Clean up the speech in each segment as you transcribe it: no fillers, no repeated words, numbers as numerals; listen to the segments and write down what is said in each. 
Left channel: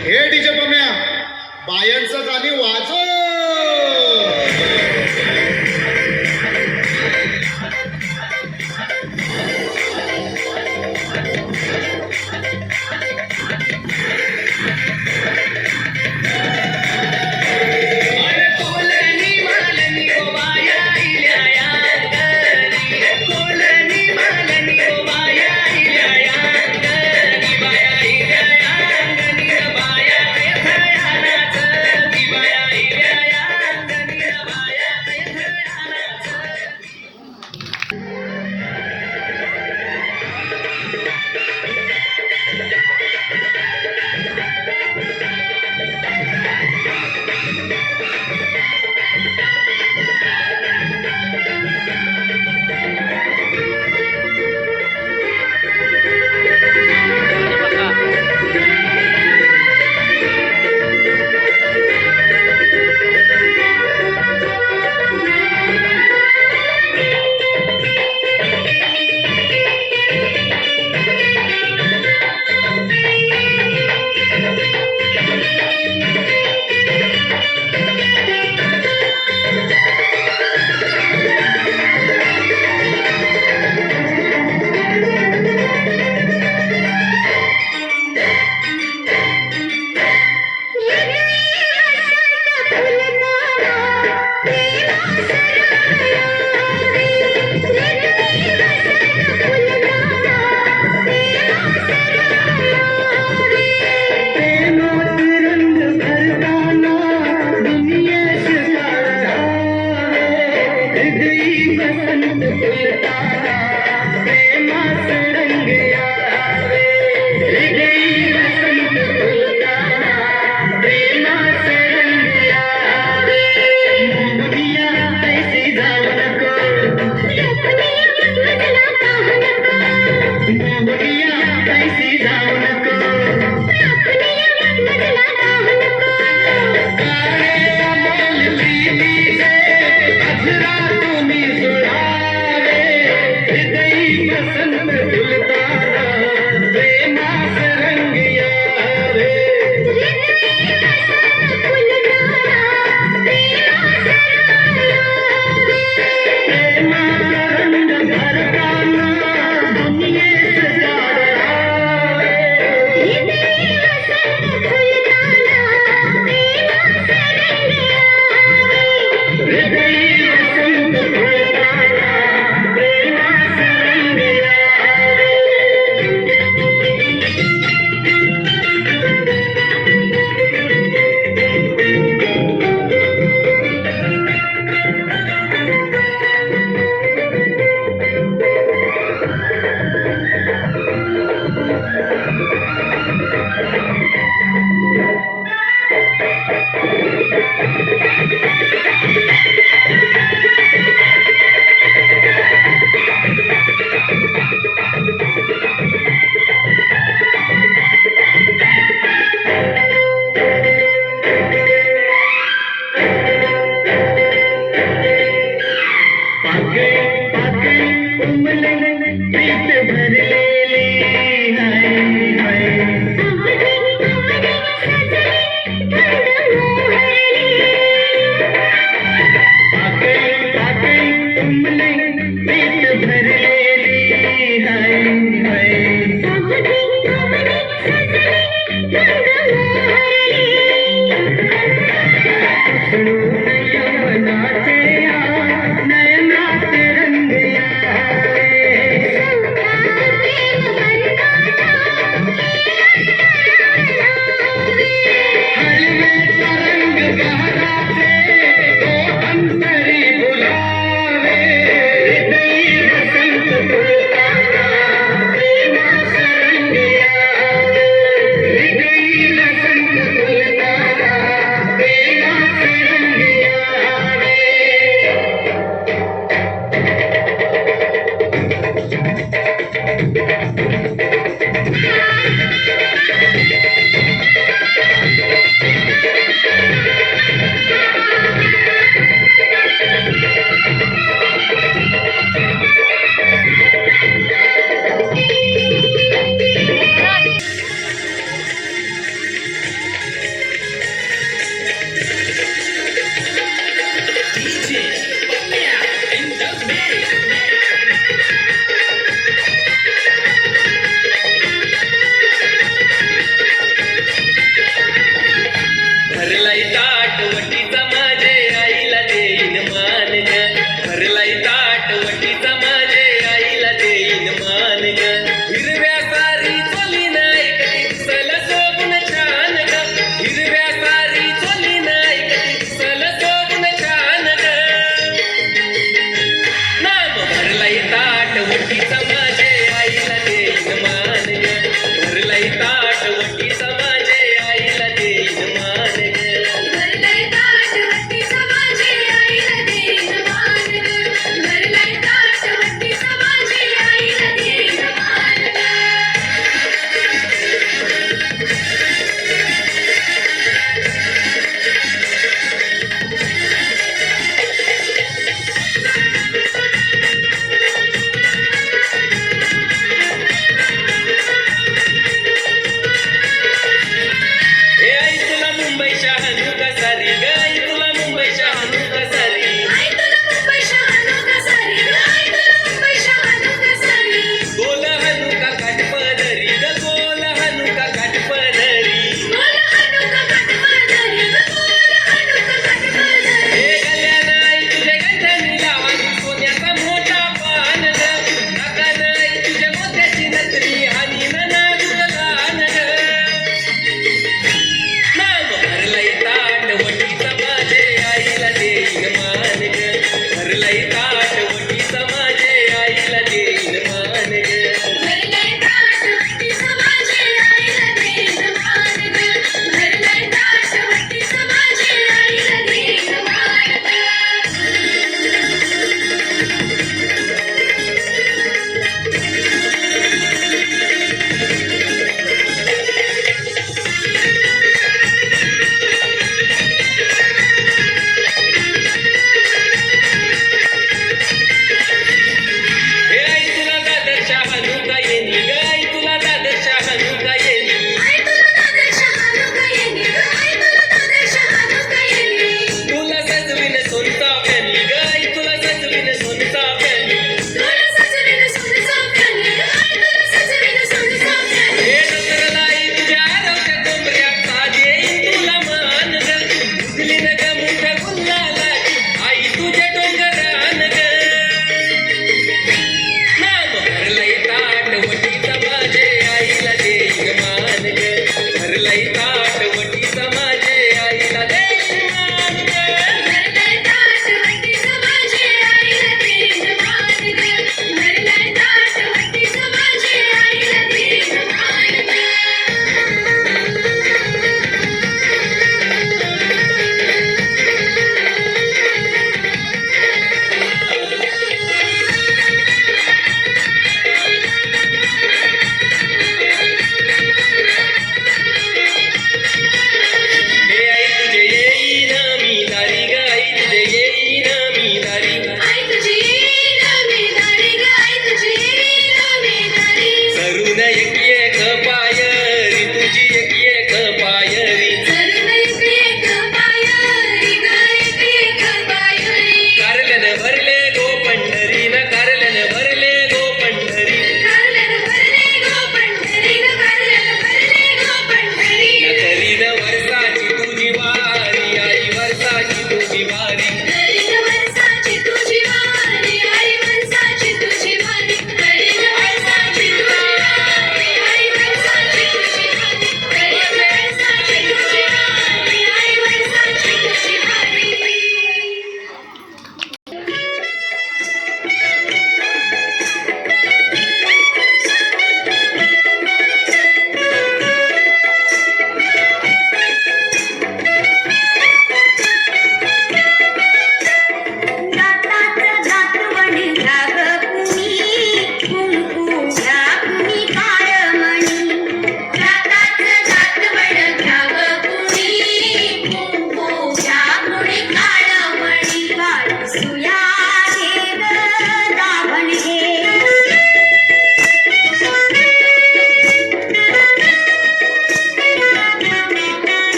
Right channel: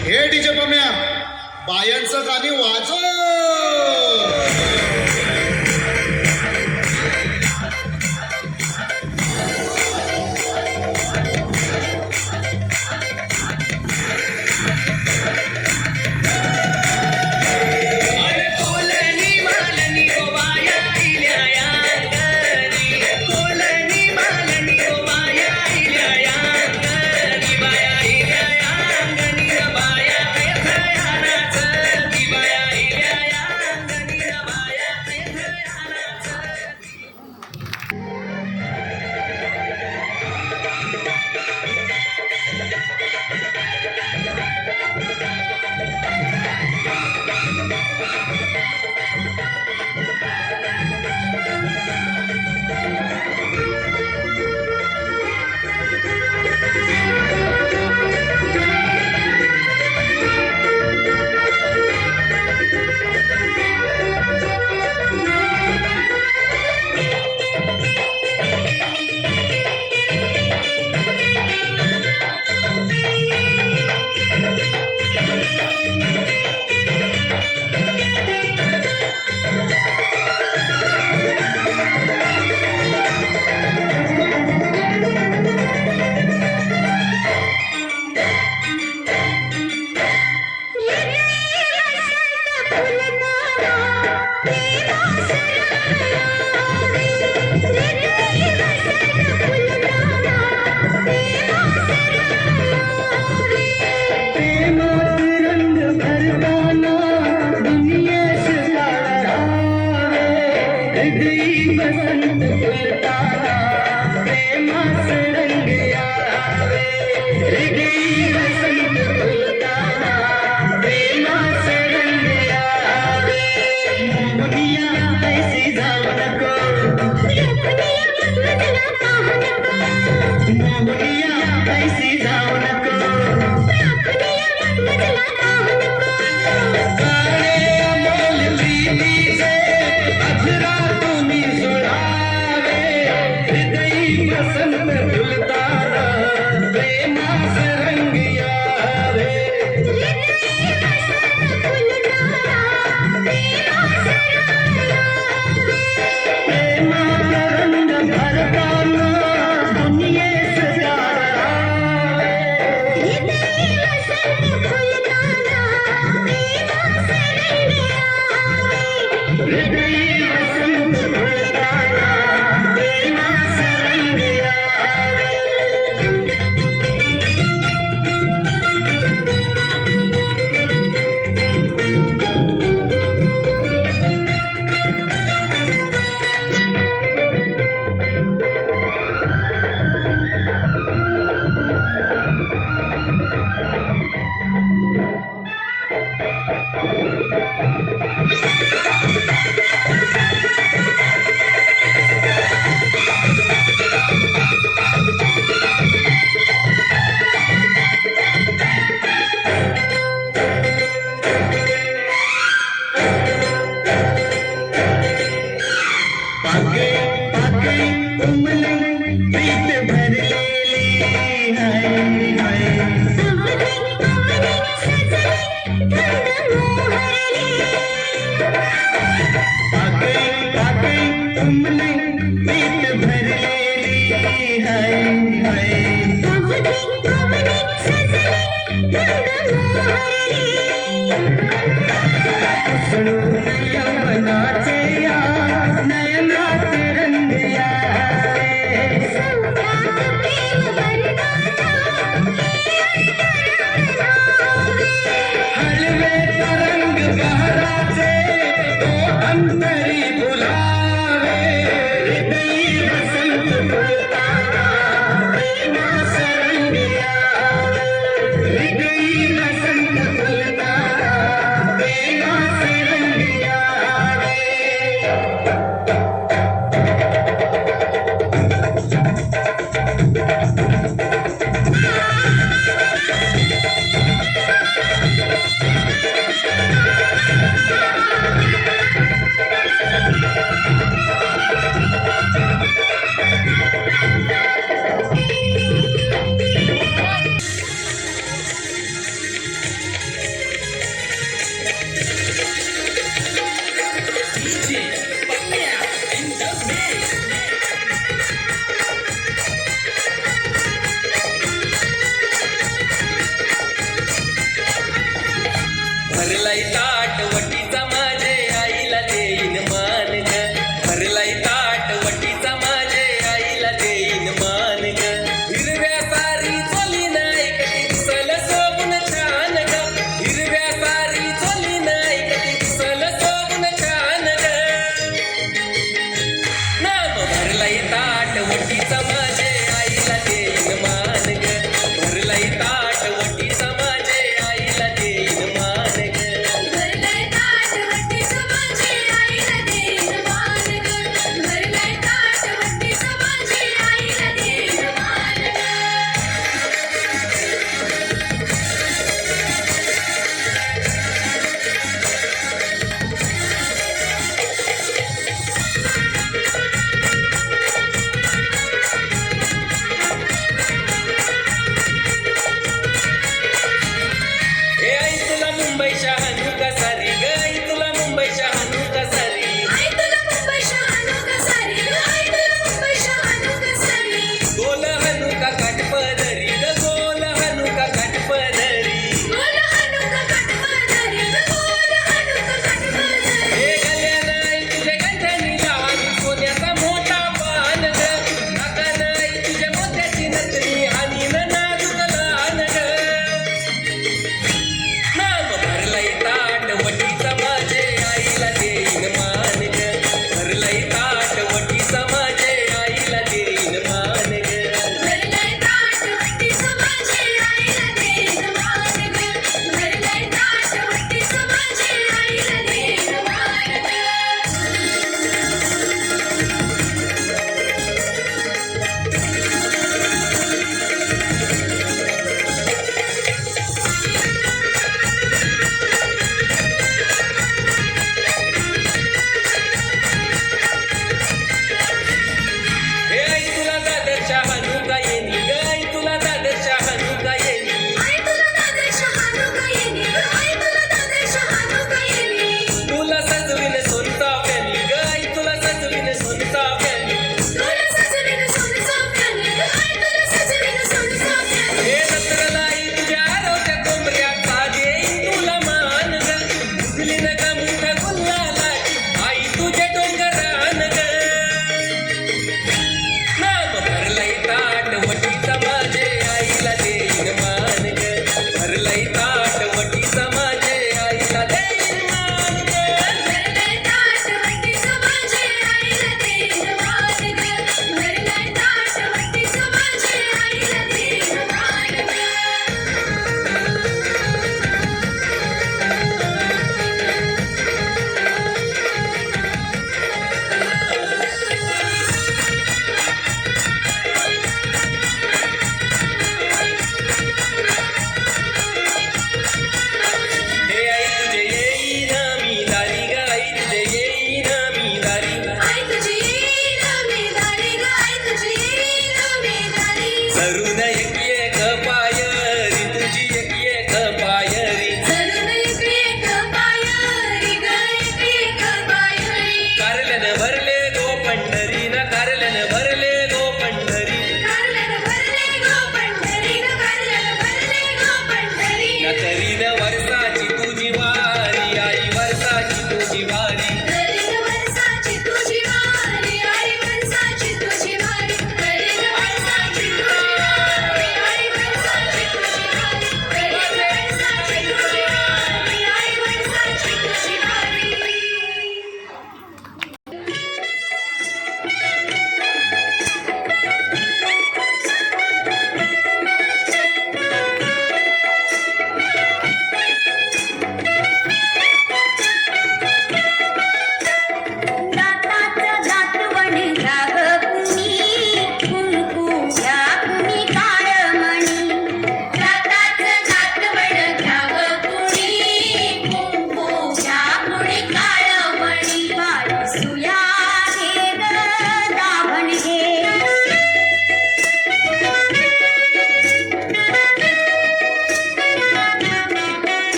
हे डीजे पम्या बायांचं गाणी वाजव.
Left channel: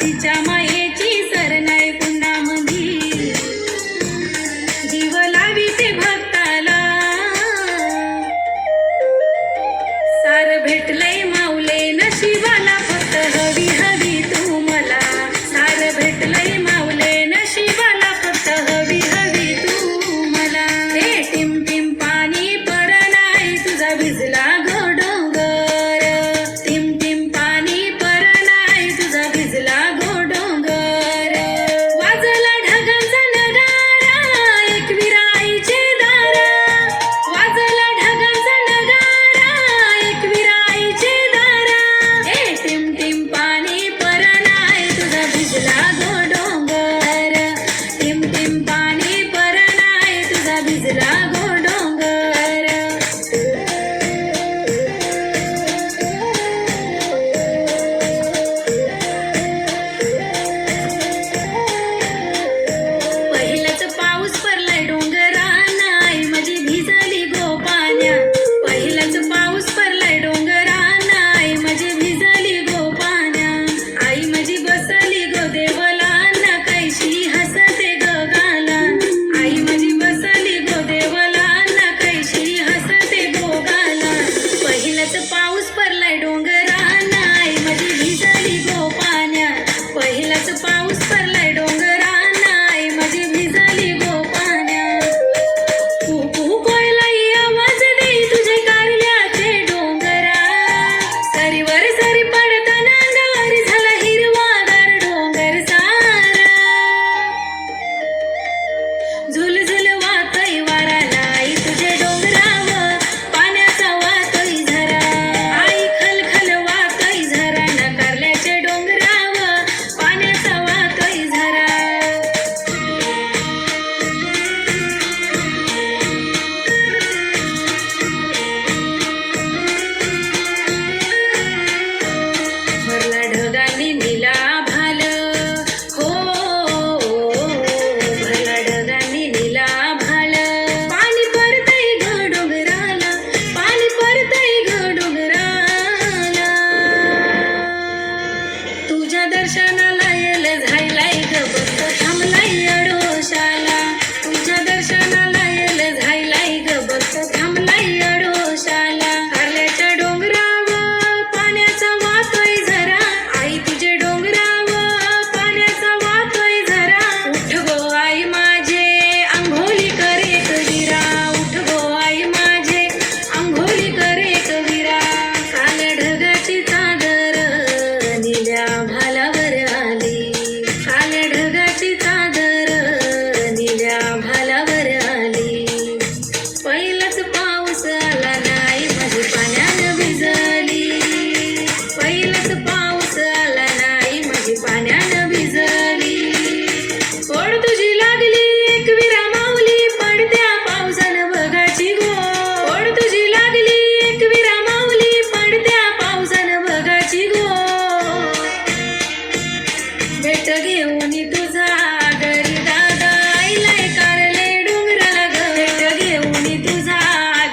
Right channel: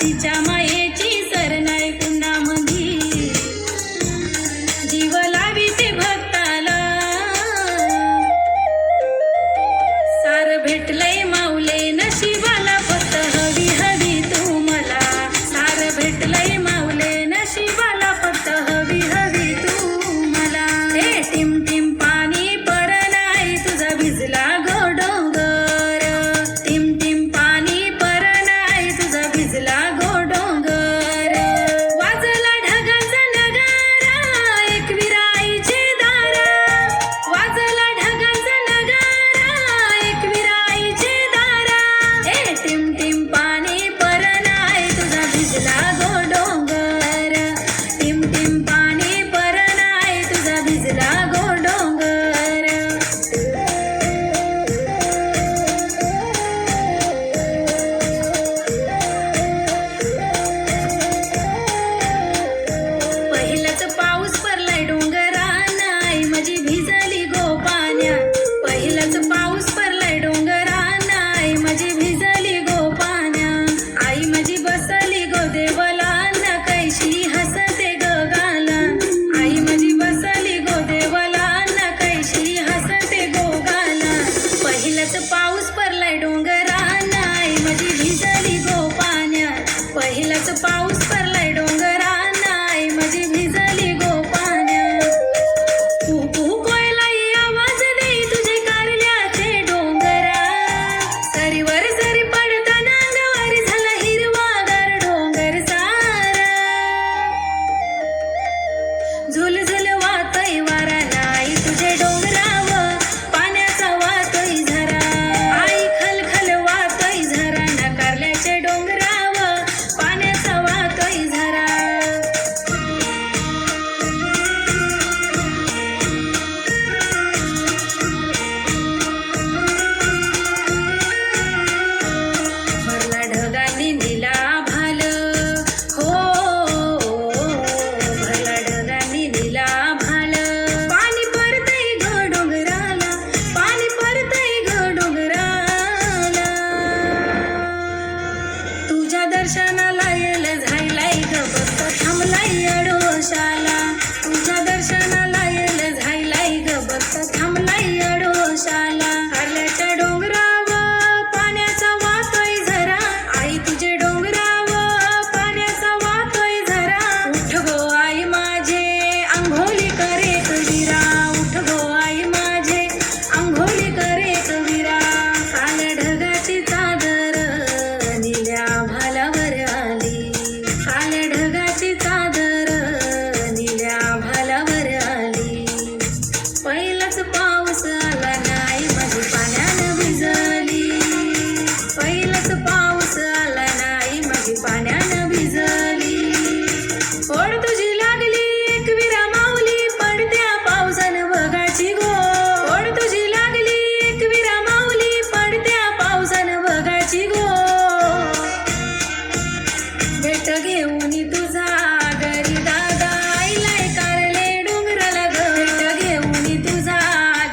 तिच्या मायेची सर नाही पुन्हा मधी जीव लाविते भक्ताला सार भेटलंय माऊले नशिबाला फक्त हवी हवी तू मला सार भेटलंय माऊले नशिबाला फक्त हवी हवी तू मला हे टिम टिम पाणी परनाय तुझा भिजला गो डोंगर टिम टिम पाणी परनाय तुझा भिजला गो डोंगर वाजला ढगांचा नगारा एकविरा आईचे दारा वाजला ढगांचा नगारा एकविरा आईचे दारा हे टिम टिम पाणी परनाय तुझा भिजला गो डोंगर टिम टिम पाणी परनाय तुझा भिजला गो डोंगर पहिलाच पाऊस पडलाय डोंगरान आई माझी भिजली गो पाण्यात पहिलाच पाऊस पडलाय डोंगरान आई माझी भिजली गो पाण्यात आई माझी बसली गो देवलान कैशी हसते ग गाला आई माझी बसली गो देवलान कैशी हसते गो गाला पहिलाच पाऊस पडलाय डोंगरान आई माझी भिजली गो पाण्यात पहिलाच पाऊस पडलाय डोंगरान आई माझी भिजली गो पाण्यात कुकू कोयलाई आवाज दे तुझे कारल्याचे डोंगरा सरीवर सरी पडताना अंगावर झाला हिरवागार डोंगर सारा झुल झुल वातोय वाराला आई तुझे डोंगरावर पाण्याचा वातोय झरा आई खल खल वातोय झरा ना कारल्याचे डोंगरावर पाण्याचा वातोय झरा भरला ढगांनी निला भाल हो भरला ढगांनी निला भाल पाणी पडतंय ग डोंगराला पाणी पडतंय ग डोंगराला तुझ्या दर्शनाला येल झायलाय ग बघ थांबलाय अडोशाला तुझ्या दर्शनाला येल झायलाय ग बघ थांबलाय अडोशाला कारल्याच्या डोंगरावर पाण्याचा वातोय झरा आई तुझे डोंगरावर पाण्याचा वातोय झरा उठ गो आई माझे अंघोली करे कविरा उठ गो आई माझे अंघोली करे कविरा काल्या ढगाची चादर निळ्या भालावर आली काल्या ढगाची चादर निळ्या भालावर आली पहिलाच पाऊस आला नाही माझी पाण्यानं भिजली पहिलाच पाऊस आला नाही माझी पाण्यानं भिजली ओढ तुझी लागली एकविरा माऊली पडत्या पावसानं बघाची गो ओढ तुझी लागली एकविरा माऊली पडत्या पावसानं बघाची गो भेट घेऊन तुझा घरी दादा आईलाय कारले डोंगराला ग भेट घेऊन तुझा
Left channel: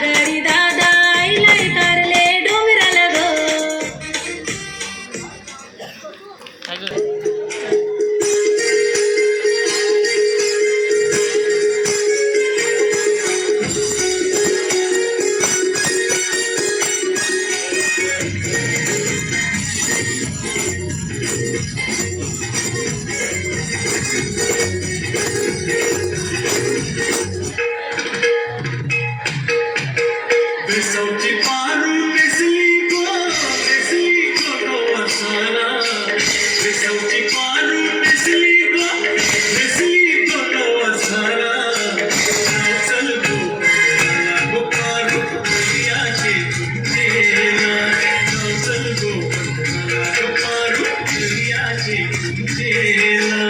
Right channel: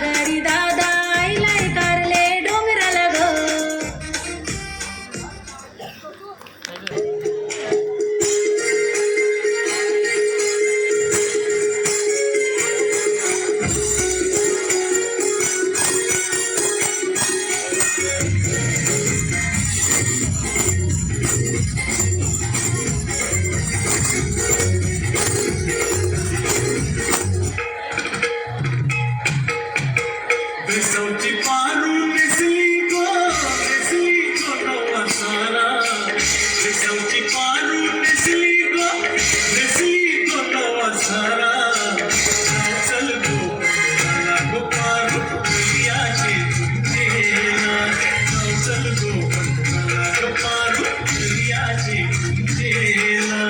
घरी दादा आईलाय कारले डोंगराला ग Besauti paru mesligo nawasara Besauti paru mesligo nawasara Chal go paru yache tujela Chal go paru yache tujela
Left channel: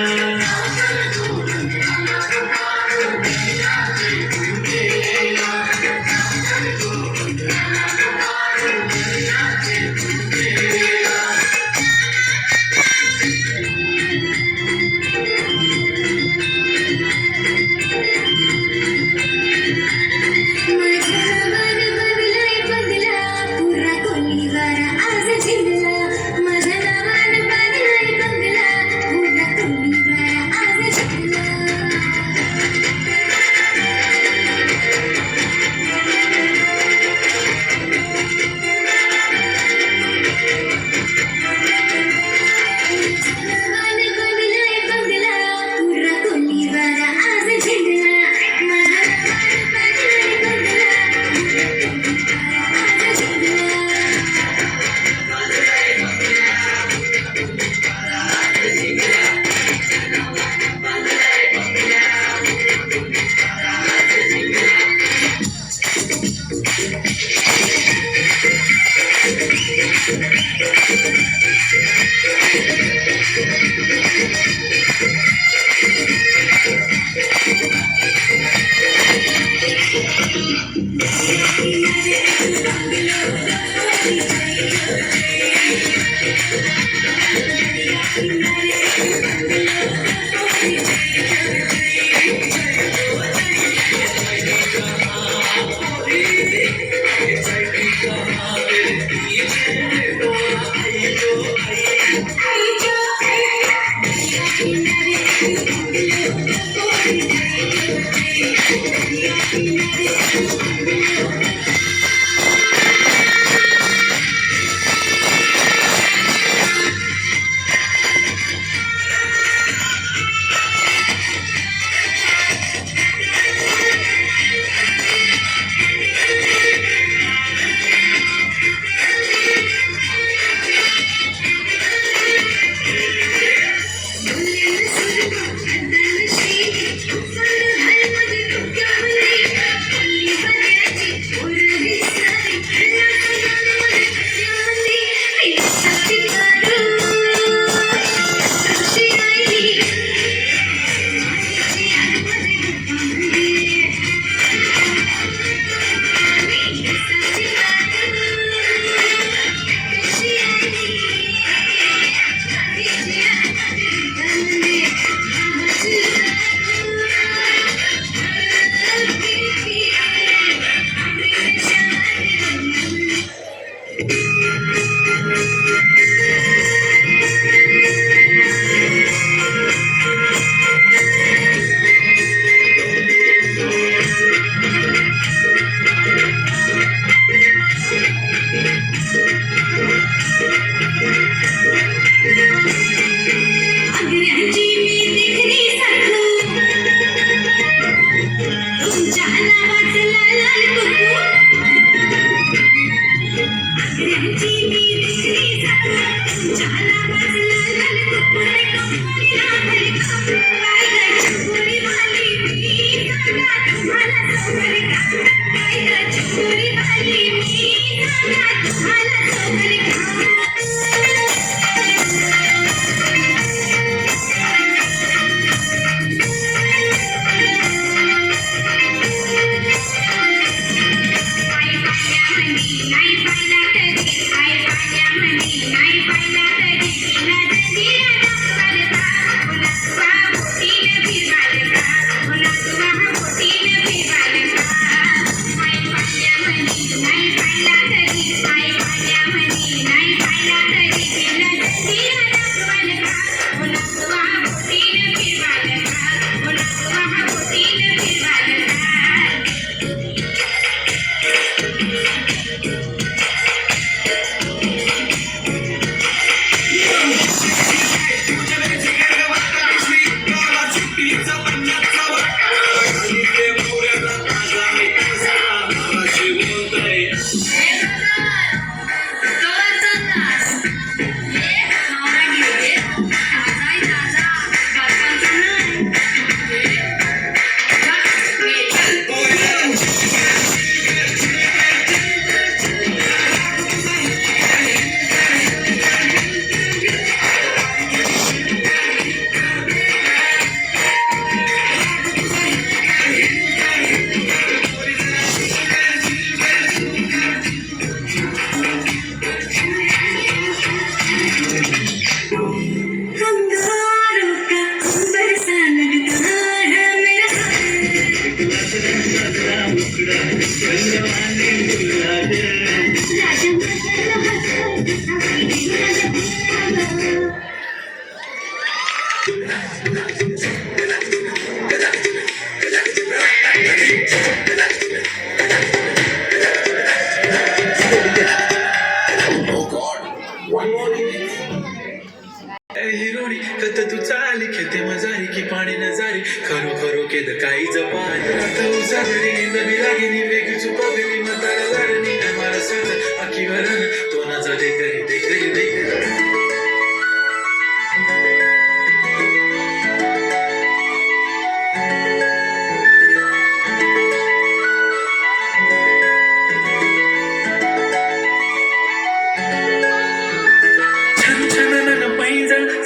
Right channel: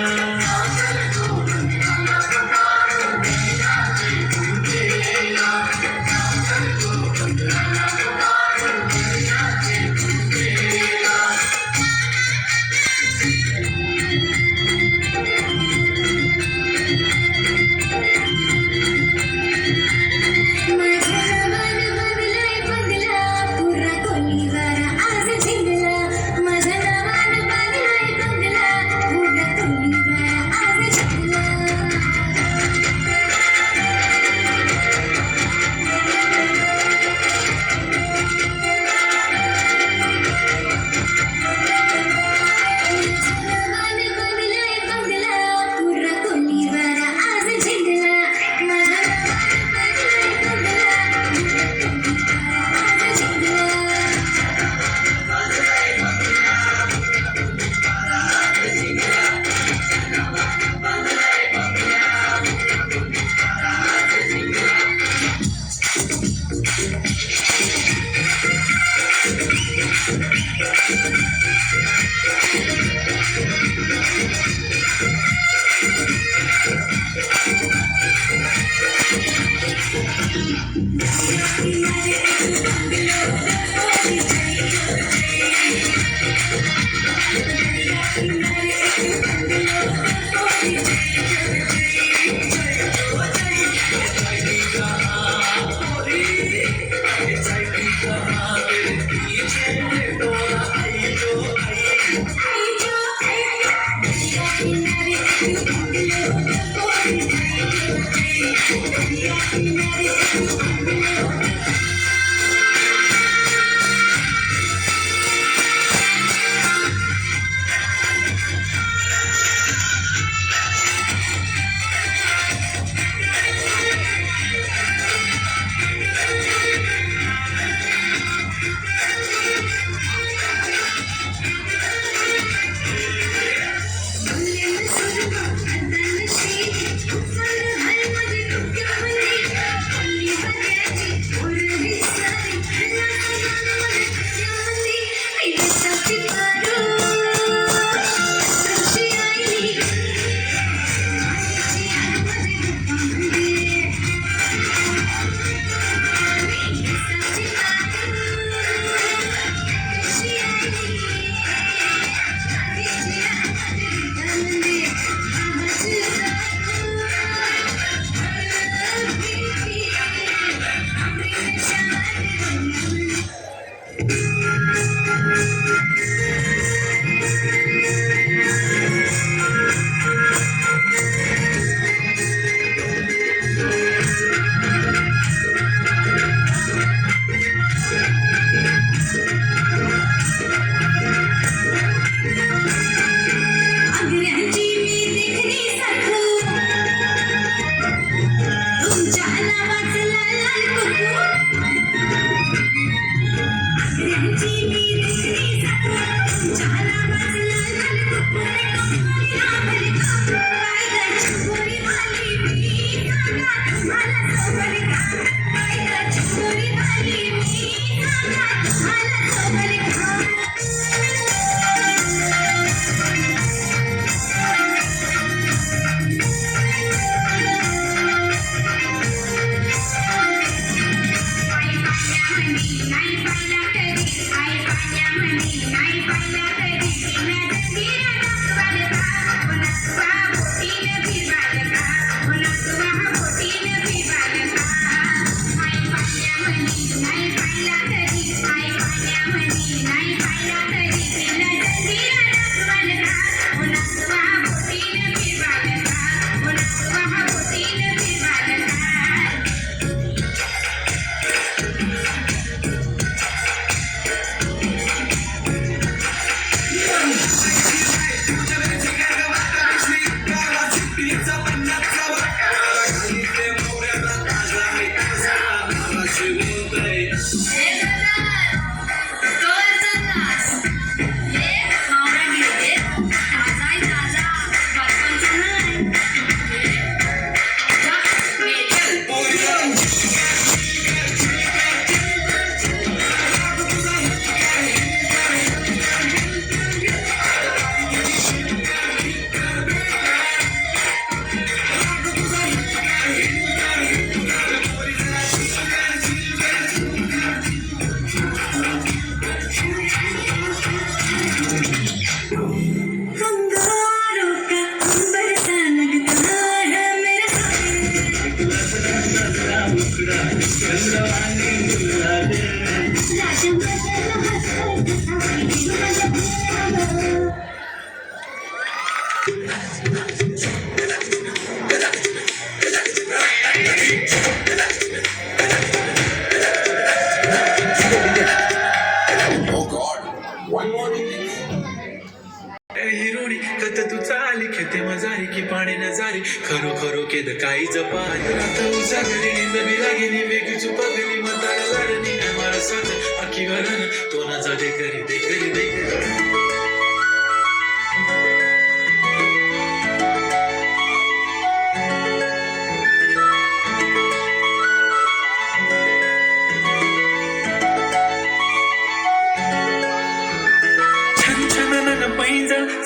हिरोणी कत तू चाली खेते मजारी की पाणी नजारी खरो खरो केद काही जपारी आता उजाडली नवी लागेली वेगळी चुपगली मतार झाडणी मला साथ आखी वरण तो ना जा दे करी दे करी दे करी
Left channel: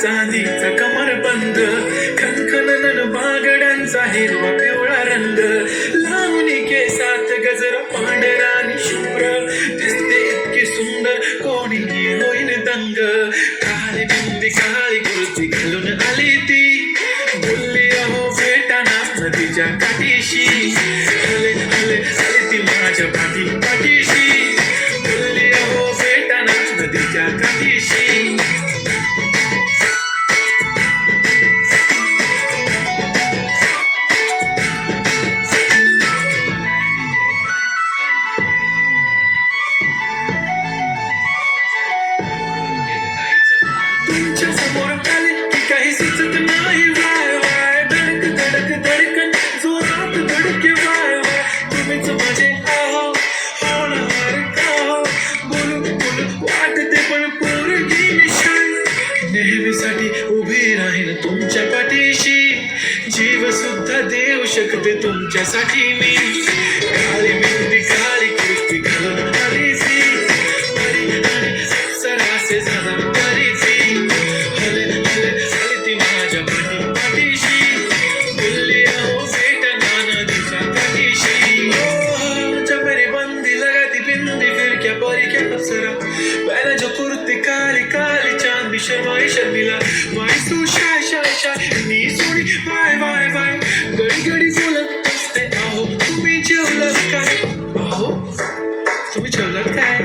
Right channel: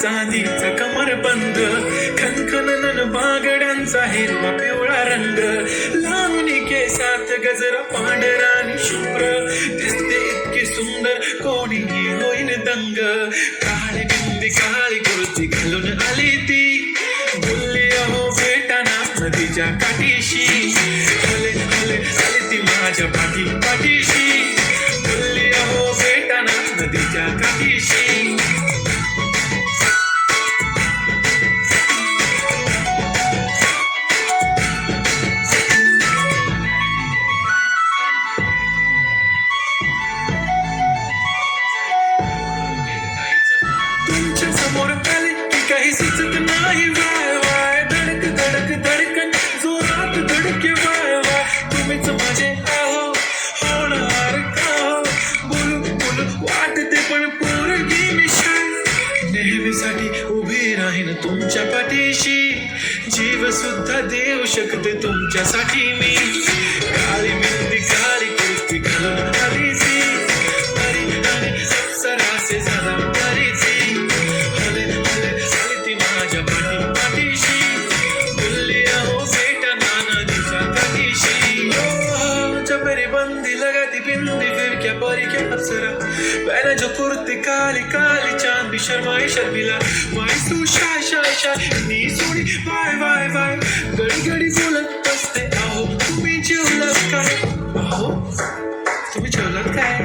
चांदीचा कमर बंद खनखनन बागड्यांचा हिरवा पिवळा रंग लावून केसात गजरा पांढरा आणि शुभ्र दिसते इतकी सुंदर कोणी होईल दंग काळी बिंदी काळी कुर्ती घालून आली ती बोलली अहो भेटाना नदीच्या काठीशी हले हले आली ती माझ्या पाठीशी बोलली अहो भेटाना नदीच्या काठीशी नाही वाय वाय धडक धडक धडकन जोरात धडके वाय वाय तुम्हीच माझे आहो होणार का बोलू बोलू वाटते पण पोरगी निशाण नेहमीसाठी उभी राहीन तुमच्या पाठीशी जीव सुद्धा देऊ शकते तुमच्यासाठी मी काळी मेहंदी काळी कुस्ती घालून आलीची आणि सरासे झाला तरीची हले हले हले ती माझ्या पाठीशी बोलली अहो बेटा नाना दिवसा पाठीशी चपरी बंदी लगाती बिंदी फिर क्या परी क्या अप्सरा पहले जो कुर्ती काली काली चांदी शर्माई शर्मिला माई तू शाय शाय शाय नी सोडी वाय वाय वाय घडी घडी बोलत असते आहो तुम्ही जेवलात काय आहो तुम्ही जेवलात काय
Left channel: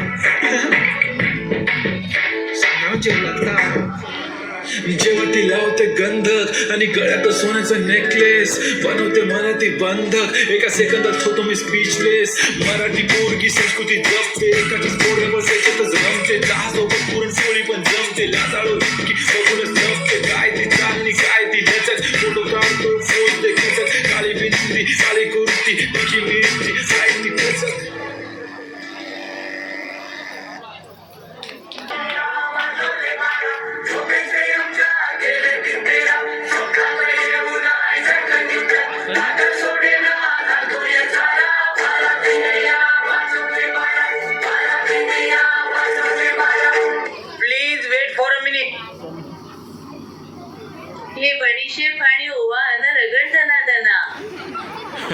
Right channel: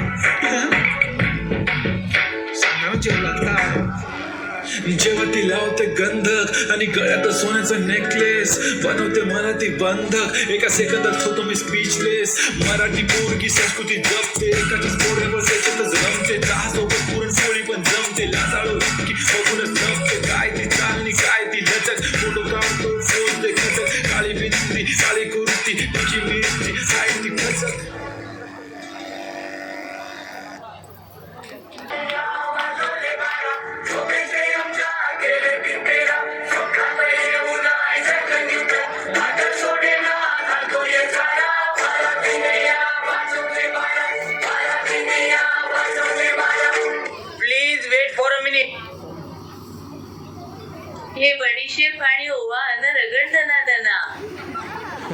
सांगा जेवलात काय मी जेव्हा ती लावते गंधक आणि गळ्यात सोन्याचं नेकलेस बनवते मला ती बंधक एका सेकंदात होतो मी स्पीचलेस मराठी पोरगी संस्कृती जपते एकाच पोळीवर त्याच्यातच रमते सोबत पुरणपोळी पण जमते लाजाळू की बघूनच नसते काय ती चालणी काय ती लचक फोटो काढतो फोन खचक काळी बिंदी काळी कुर्ती तिची मिरची काय ती खचक please wait for a minute हे बडीशेप आणि ओवा अन्न रगडताना त्यांना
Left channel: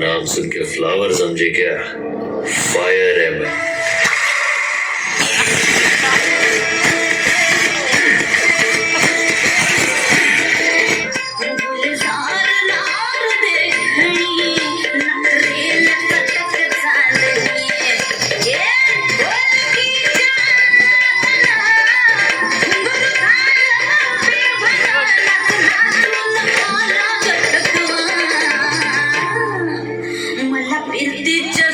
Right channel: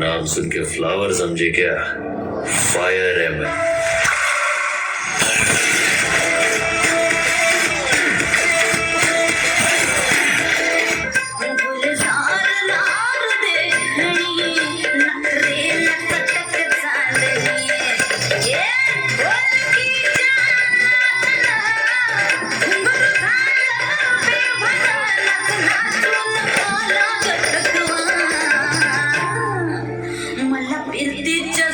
नाम सुन के फ्लावर समझे क्या? फायर है मैं। मला प्रीतीच्या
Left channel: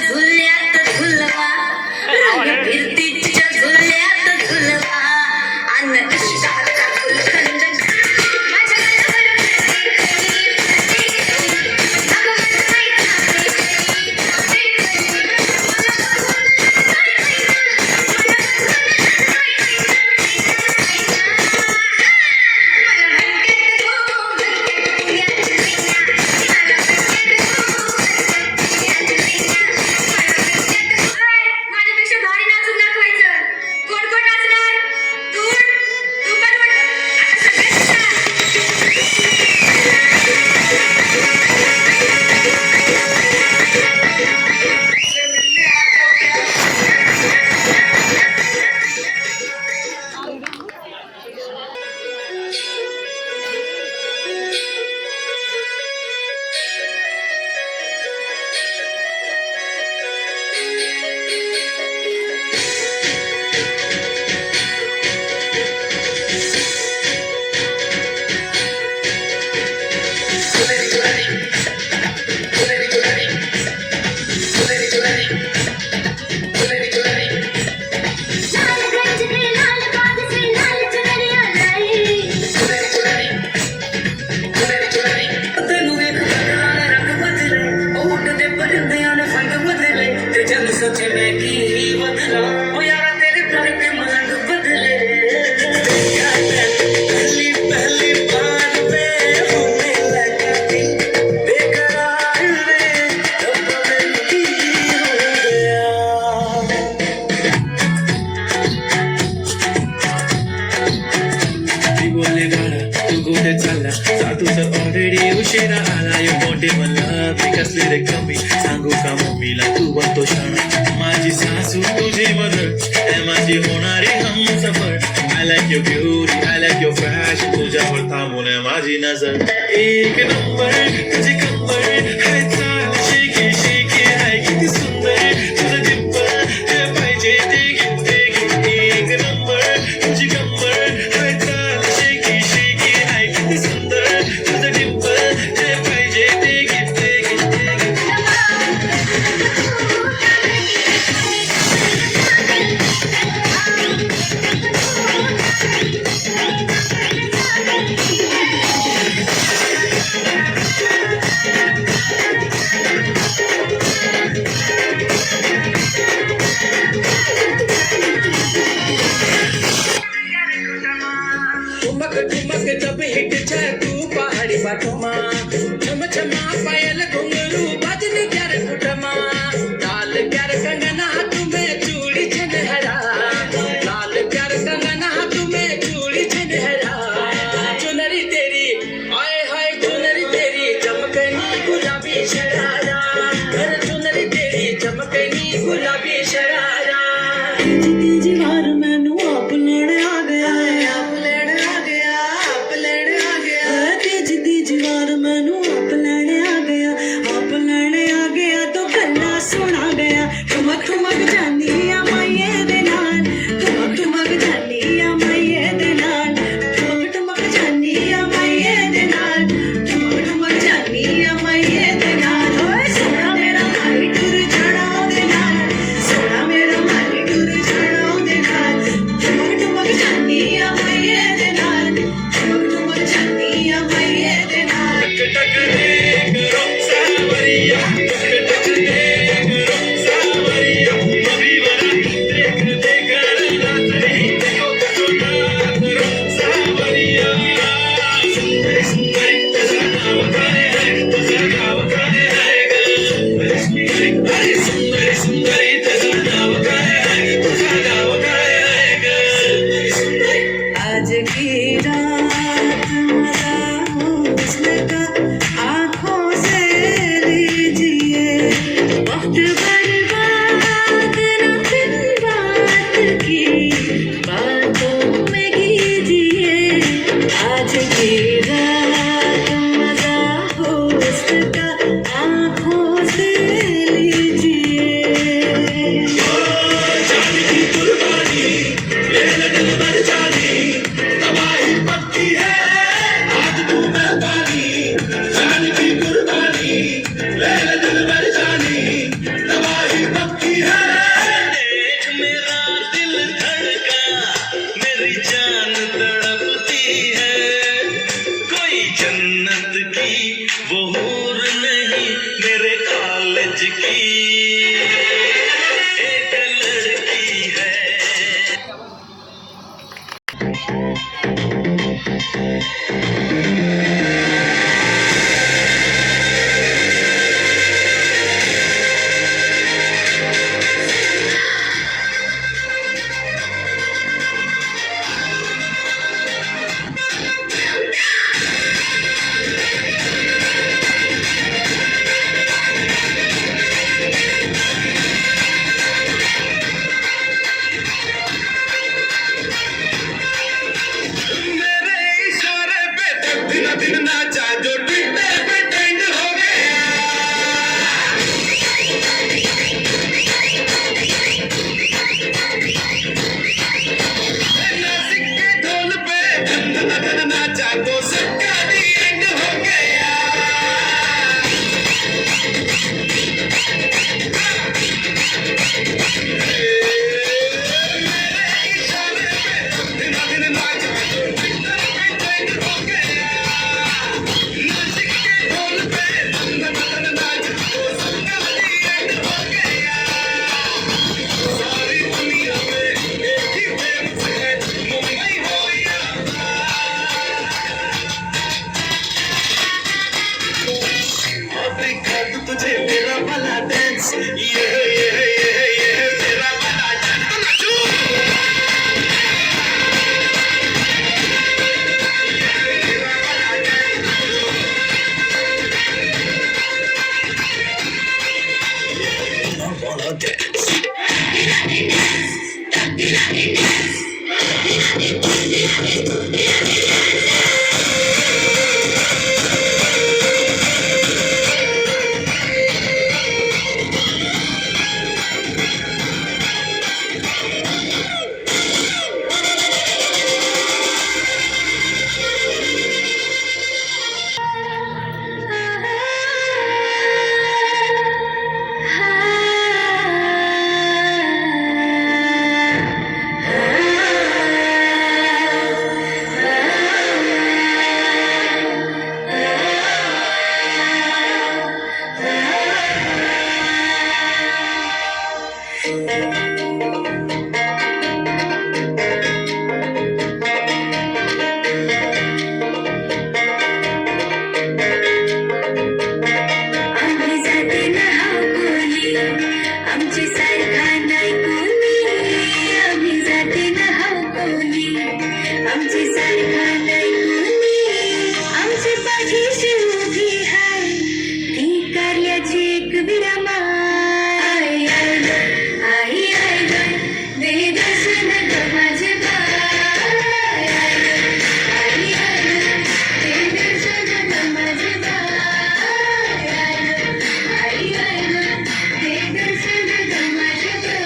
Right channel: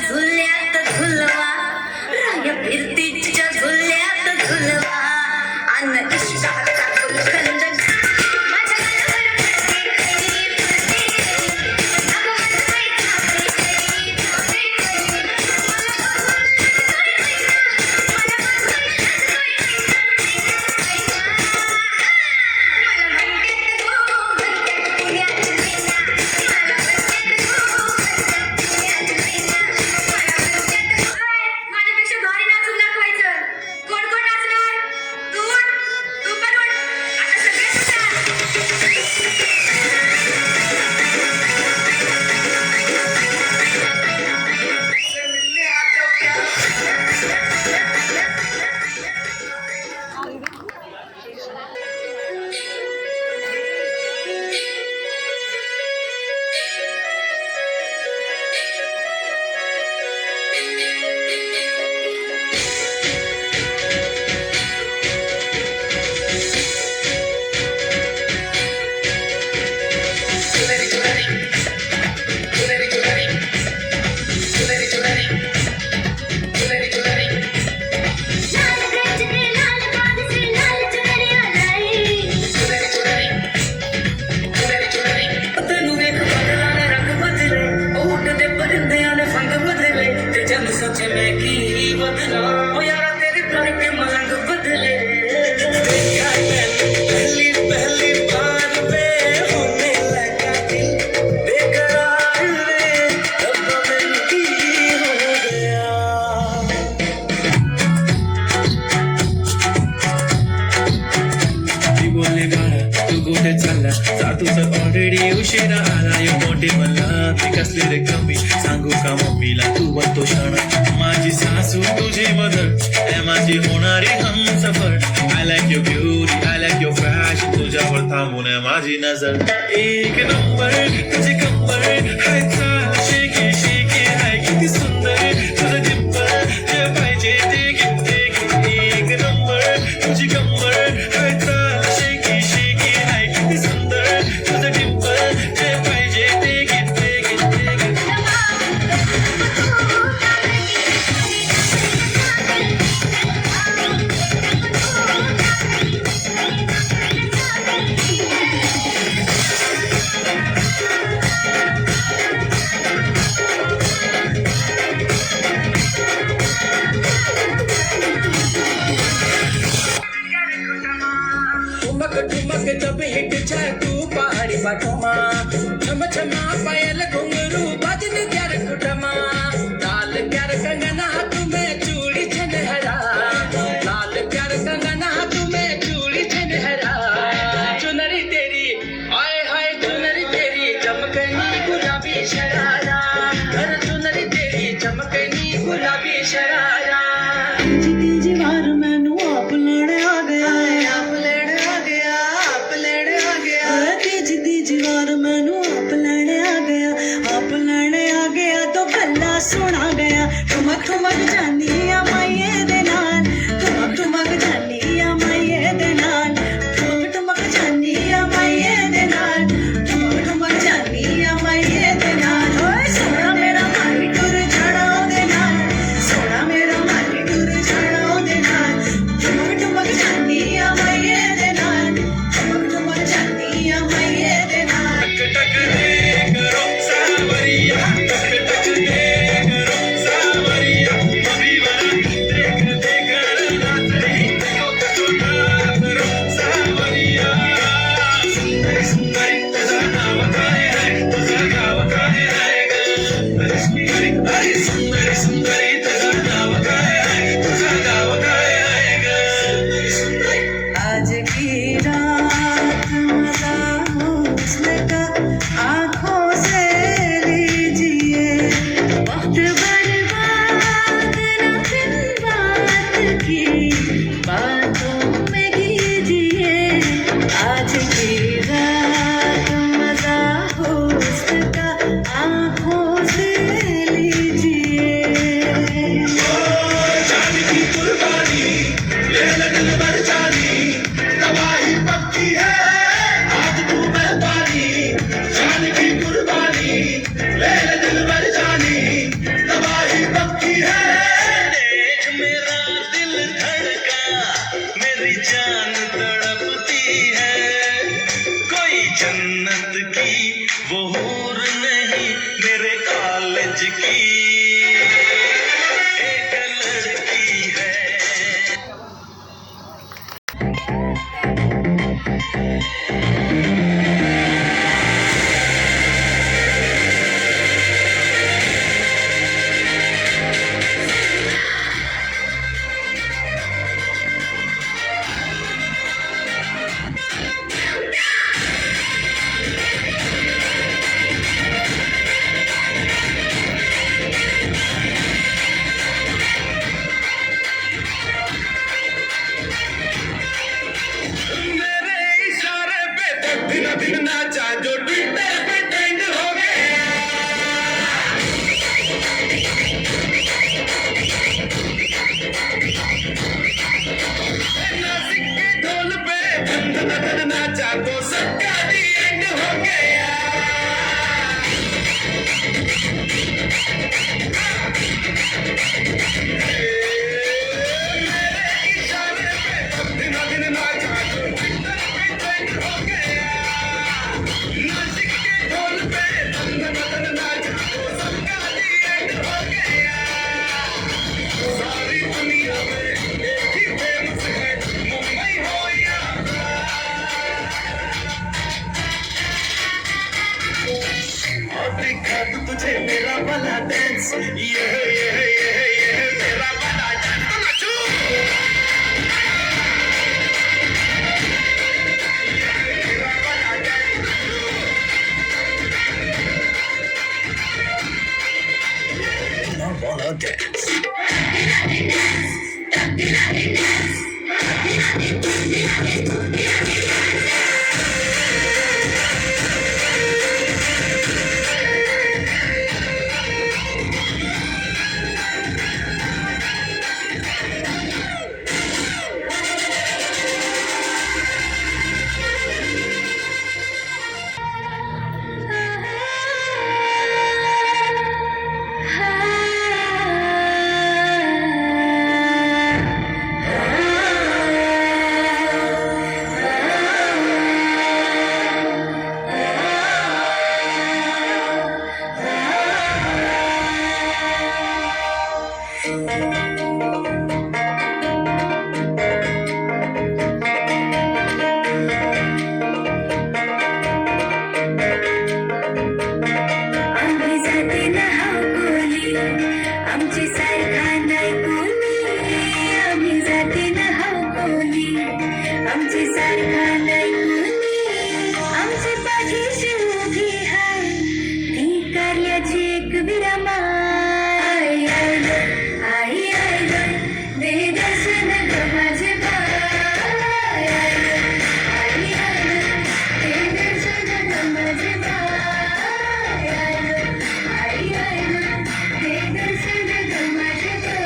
कुठे चालला जातो तर ऑलरेडी उशिरा आलाय मोठे मला पिकसले रे कमी सांगू का मम्मीला तू बनतो क्षण माझी सासू तुझी मदर माझी होणारी Humsafar I like your beauty, I like your fashion तुझ्यावर थांबून आहे माझी नजर एक नंबर तुझी कंबर हाय चाल शेकी शेकी हाय किती सुंदर तुझं डिंपल जे पाहिजे ते घे ते घे एक नंबर तुझी कंबर हाय चाल शेकी शेकी हाय किती सुंदर तुझं डिंपल जे पाहिजे ते घे ते घे ते घे ठुमक ठुमक जब हिट जाए तू पहाड़ी बाटमा छम छमा पायल घुंघरू बजनी प्यार कुटमा लाल प्यार कंगना तुम्हें चूड़ी छनहरा लाल प्यार कंगना तुम्हें चूड़ी छनहरा चुनरी तेरी हाय हाय चुनरी तेरी चमकनी गुलाबी शरारा हर चुनरी तेरी चमकनी गुलाबी शरारा तेजी वार मैनू आप लेने आ गया है आप लेने आ गया आप लेने आ गया तेजी वार मैनू आप लेने आ गया तो गल्ला सुना गया ठुमक ठुमक जानी आ माये दे नाल ठुमक ठुमक जानी आ माये दे नाल ठुमक ठुमक जानी आ माये दे नाल ठुमक ठुमक जानी आ माये दे नाल ओए सोना मेरा माली टुर जाना दे नाल सोना मेरा माली टुर जाना दे नाल ठुमक ठुमक जानी आ माये दे नाल ठुमक ठुमक जानी आ माये दे नाल टक टक करो सावरिया टक टक करो सावरिया कभी वाला देख देख रात नहीं देखो करो सावरिया सुंदरी सुंदरी तुझा नाव काय आहे तुझा गाव काय आहे सुंदरी सुंदरी सुंदरी तुझा नाव काय आहे तुझा गाव काय आहे ग सुंदरी आज की रात मजा हुस्न का आँखों से लीजिए वक्त बर्बाद न बिन बात की बातों में कीजिए आज की रात मजा हुस्न का आँखों से लीजिए जान की कुर्बानी लेने दिल भर जानी तबाही पक्की है आज तू मेहरबानी जान की कुर्बानी लेने दिल भर जानी तबाही पक्की है देख मेरा दिल धड़का मेरी जान तड़पती है कोई जन्नत की वो हूर नहीं मेरे कॉलेज की एक लड़की है आम्ही जाते ना कोणी आमची सारखा नाही कोणी आम्ही जाते ना कोणी आमची सारखा नाही कोणी आमची पाठीशी उभी आहे ती कार्याची एक विरामा आई आई ग, आई आई ग, दे दर्शन ग माझे बाई आई ग, आई आई ग, दे दर्शन ग माझे बाई आई आई ग, दे दर्शन ग माझे बाई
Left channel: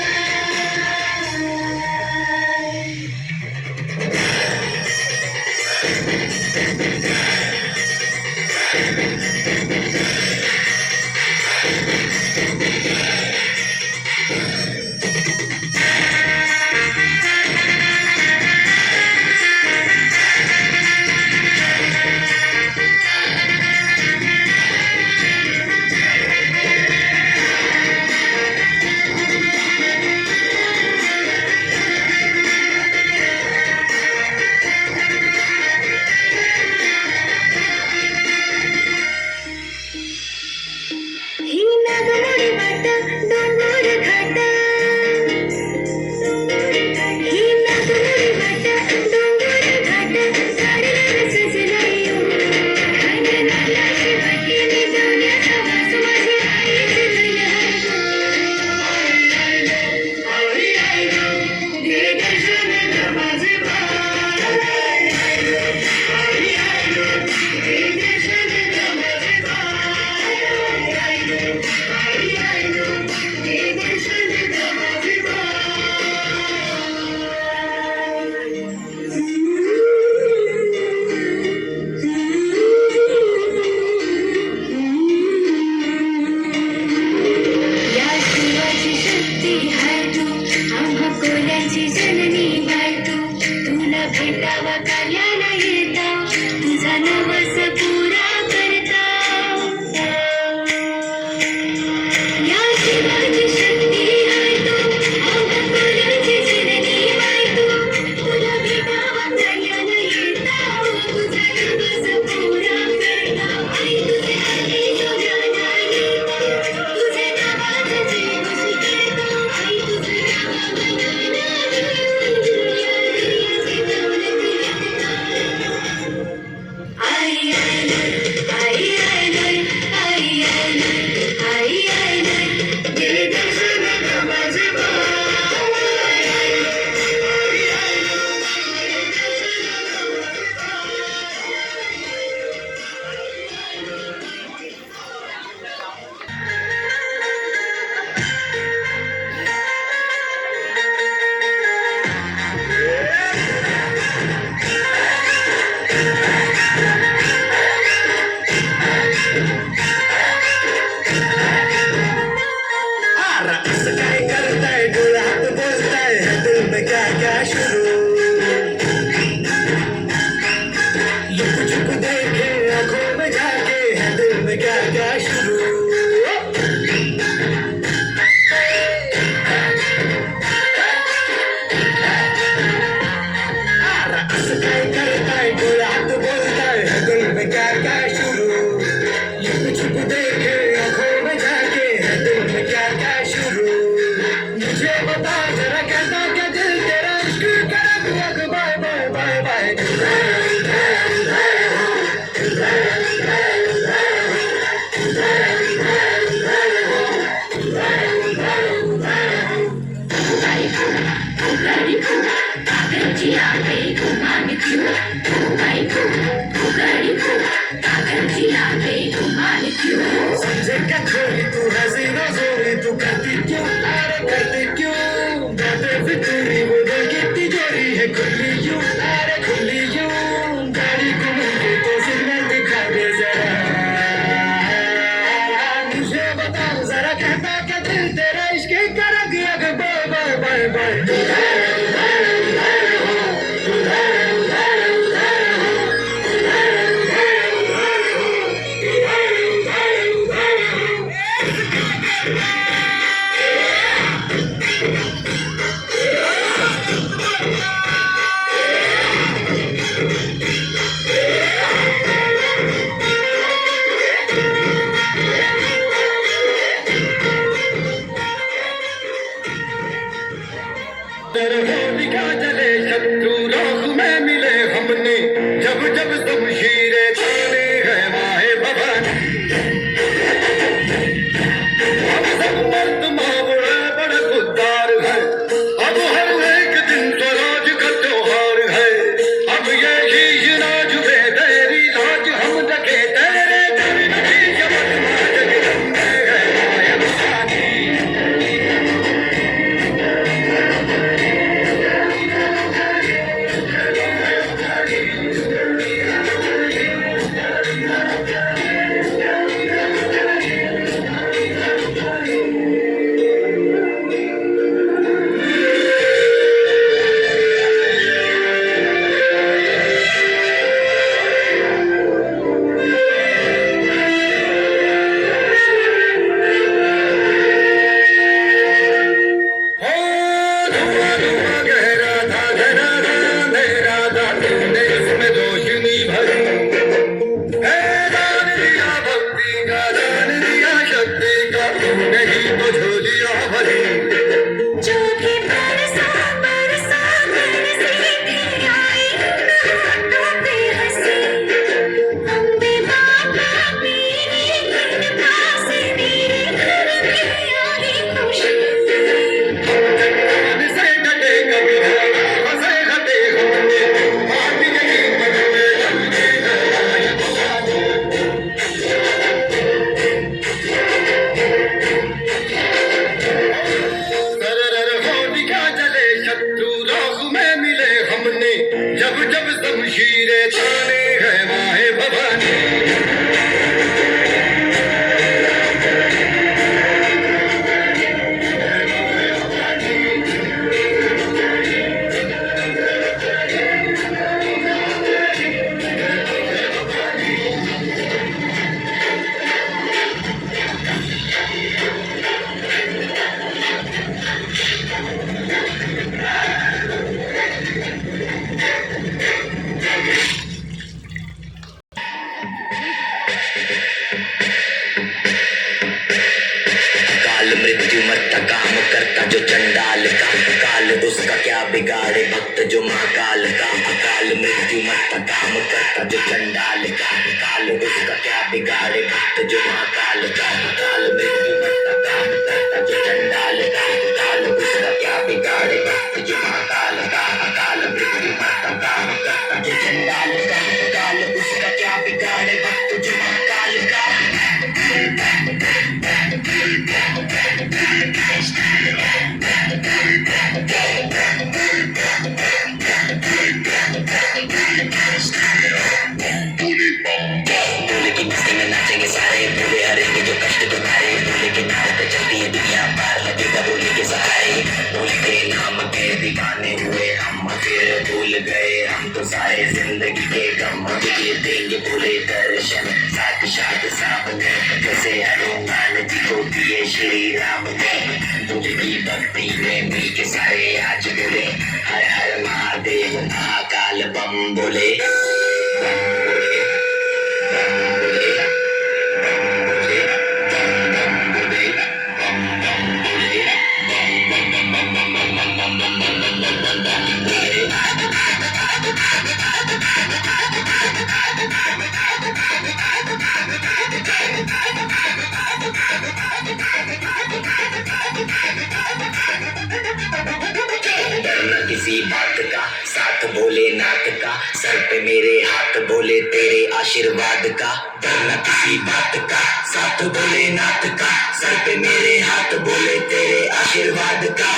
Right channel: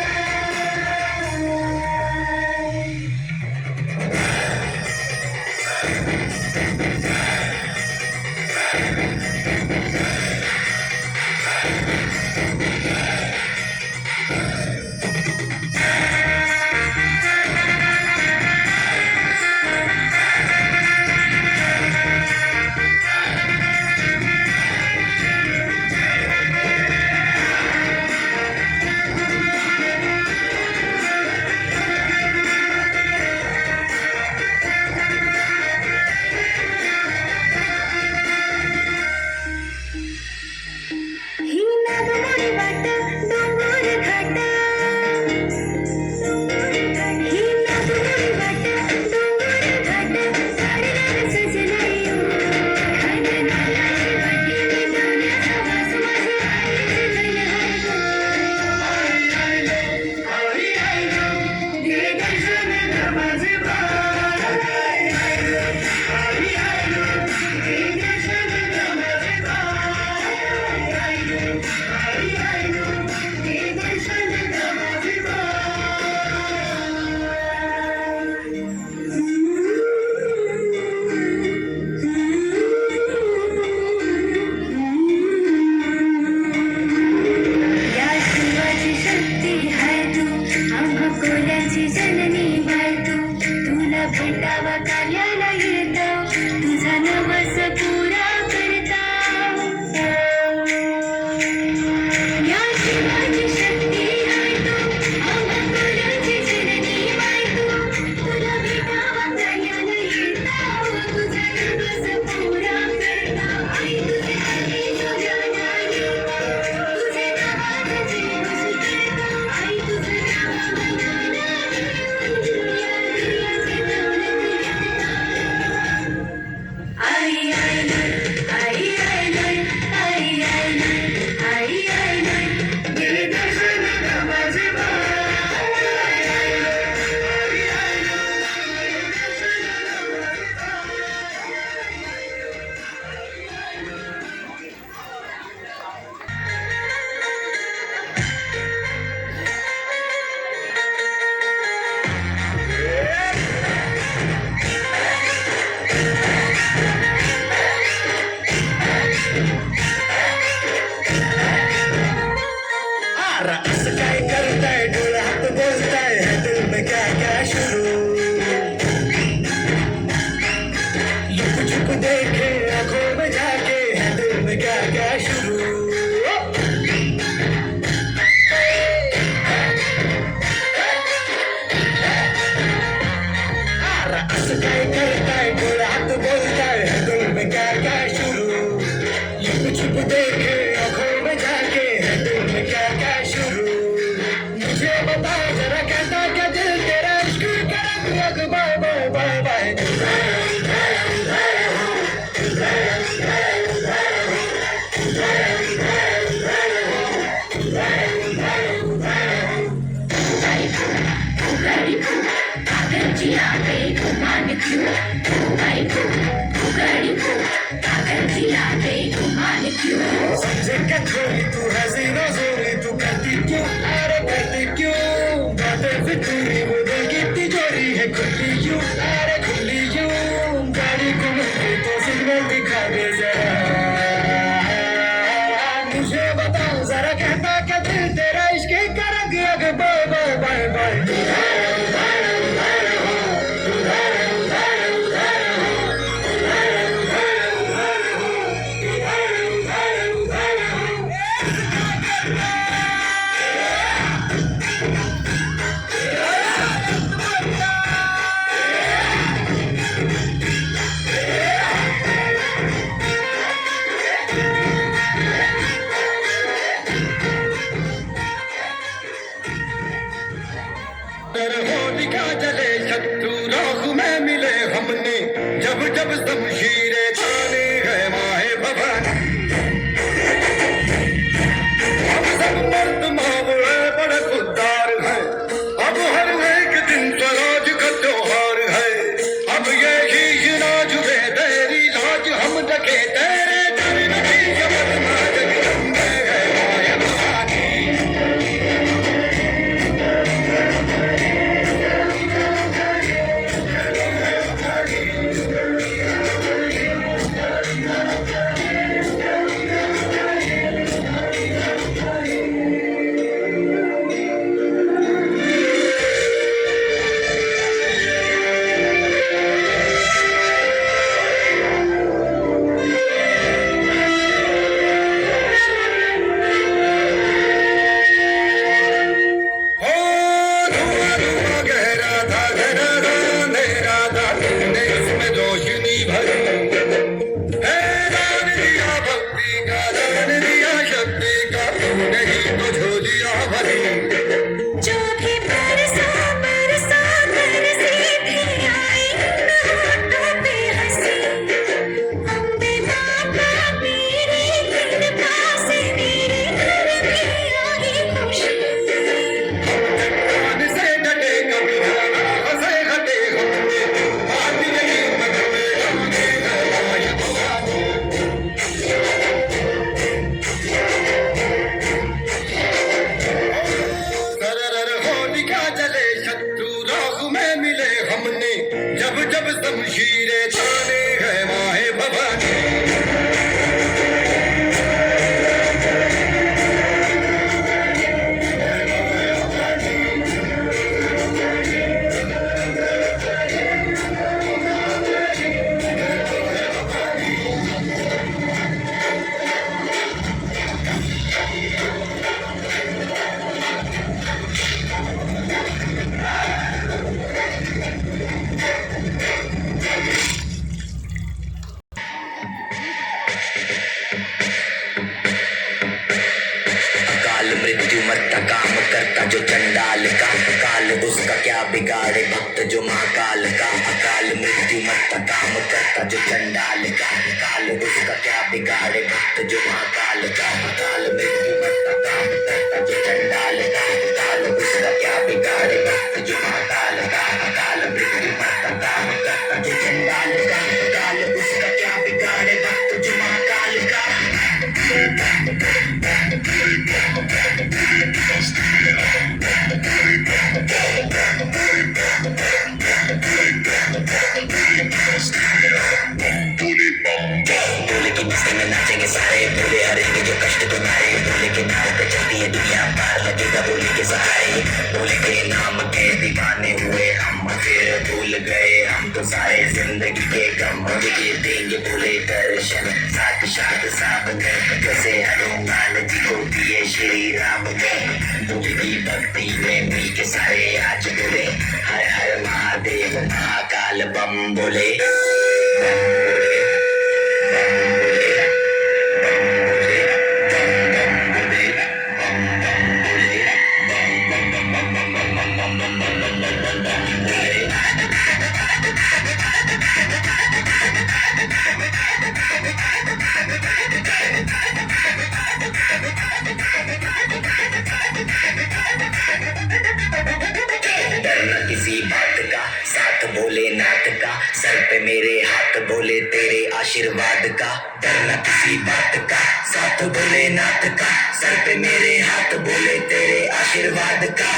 ही नागमोडी वाट डोंगर घाट ही नागमोडी वाट डोंगर घाट झाडणार सजलायो अंगणाला शेवटीने दोन्याचा वास माझी आईची धनहार आई आई दे दर्शन ग माझे बाई आई आई दे दर्शन ग माझे बाई आई आई दे दर्शन ग माझे या शिवाची शक्ती हाय तू आम्हा कोल्यांची जननी बाय तू तुला भेटावा काल्याला येता तुझा नवस पुरा करता या शिवाची शक्ती हाय तू आम्हा कोल्यांची जननी बाय तू तुला भेटावा काल्याला येता तुझा नवस पुरा करता आई तुझे आले तुझ्या नाही तुझे नावाचे वशी करता आई तुझे नावाचे या दियाची दौलत घेता आई आई आई आई आई आई आई दे दर्शन ग माझे असं काय करताय डोळ्यात बोलताय है दिल में क्या क्या शुरू लुक छुप देखे आंखों में जाके है दिल में क्या क्या शुरू असं काय करताय डोळ्यात बोलताय है दिल में क्या क्या शुरू लुक छुप देखे आंखों में जाके है दिल में क्या क्या शुरू मुझे बता जरा कहता क्या दिल तेरा इश्क करा तू बाय बाय बाय बाय जिया समझे क्या छोरी तू हसीना जोरी तू करती क्यों अरे करती क्यों बातें फितूरी वो दिल की तिजोरी है खुली क्यों अरे खुली क्यों गाड़ी को मुझे तो सिग्नल दिखा दे जरा मुझे बताओ जरा कहता क्या दिल तेरा इश्क कर दिया कि bye bye bye bye Holika जले शत्रु राह में मिले हमने जब जब शमशीरें ताने गए माहे भवन अब सब मर्द मावड़े बड़े खुददार है अब हर एक दिन स्वराज का त्योहार है अब ये ही नाज में तेरी लाज हम लगे तेरे दर नहीं जब नाज गिरने गए माहे भवानी जो कि बरसा बरसा बरसी थी आई होठों पे हंसी हम बेबाका मेरे दिन पास मेरे घर में आई खुशी से डटे कभी हंसे हटे हमने बात यही मन में हमने सरर होलिका जले शत्रु राह में मिले हमने जब जब शमशीरें ताने गए माहे भवानी काल मृत्यु मत्ता काम करता जो चंडाल का काल उसका क्या बिगाड़े भक्त जो महाकाल का अकाल मृत्यु मत्ता काम करता जो चंडाल का काल उसका क्या बिगाड़े भक्त जो महाकाल का काल मृत्यु मत्ता काम करता जो चंडाल का काल उसका क्या बिगाड़े भक्त जो महाकाल का काल मृत्यु मत्ता काम करता जो चंडाल का काल उसका क्या बिगाड़े भक्त जो महाकाल का भोले की मस्ती में नाचेंगे सारे भोले हरेंगे जो कष्ट तुम्हारे भोले के नाम पे चलती है दुनिया पार लगेगा भोले के सहारे भोले के नाम के दीवाने हुए हम फिर भूल गए हम तो सारे जिंदगी के गम दे देंगे भोले दर्शन साथ साथ सामने जैसे हनुमान जी को दिए श्री राम ने भोले की भक्ति में मी के सारे आज बोले हर हर महादेव महाकाल बम बोले डरना किसी बात का साथ बोले भोलेनाथ का सर पे मेरे हाथ बोले तेरे आशीर्वाद का डरना किसी बात का साथ भोलेनाथ का सर पे मेरे हाथ बोले तेरे आशीर्वाद का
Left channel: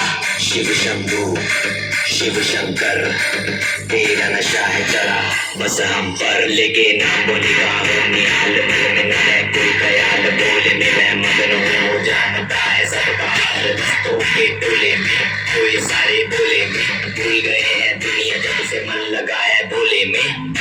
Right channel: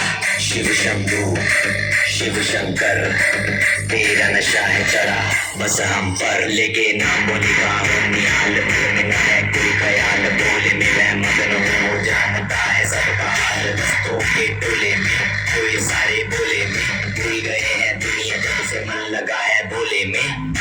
शिव शंभू शिव शंकर तेरा नशा है चढ़ा बस हम पर लेके नाम बोले का निहाल मन में है कोई ख्याल बोले में मैं मगन हूँ जानता है सबका हाल दोस्तों के टोले में कोई सारे बोले में भूल गए हैं दुनिया जब से मन लगा है बोले में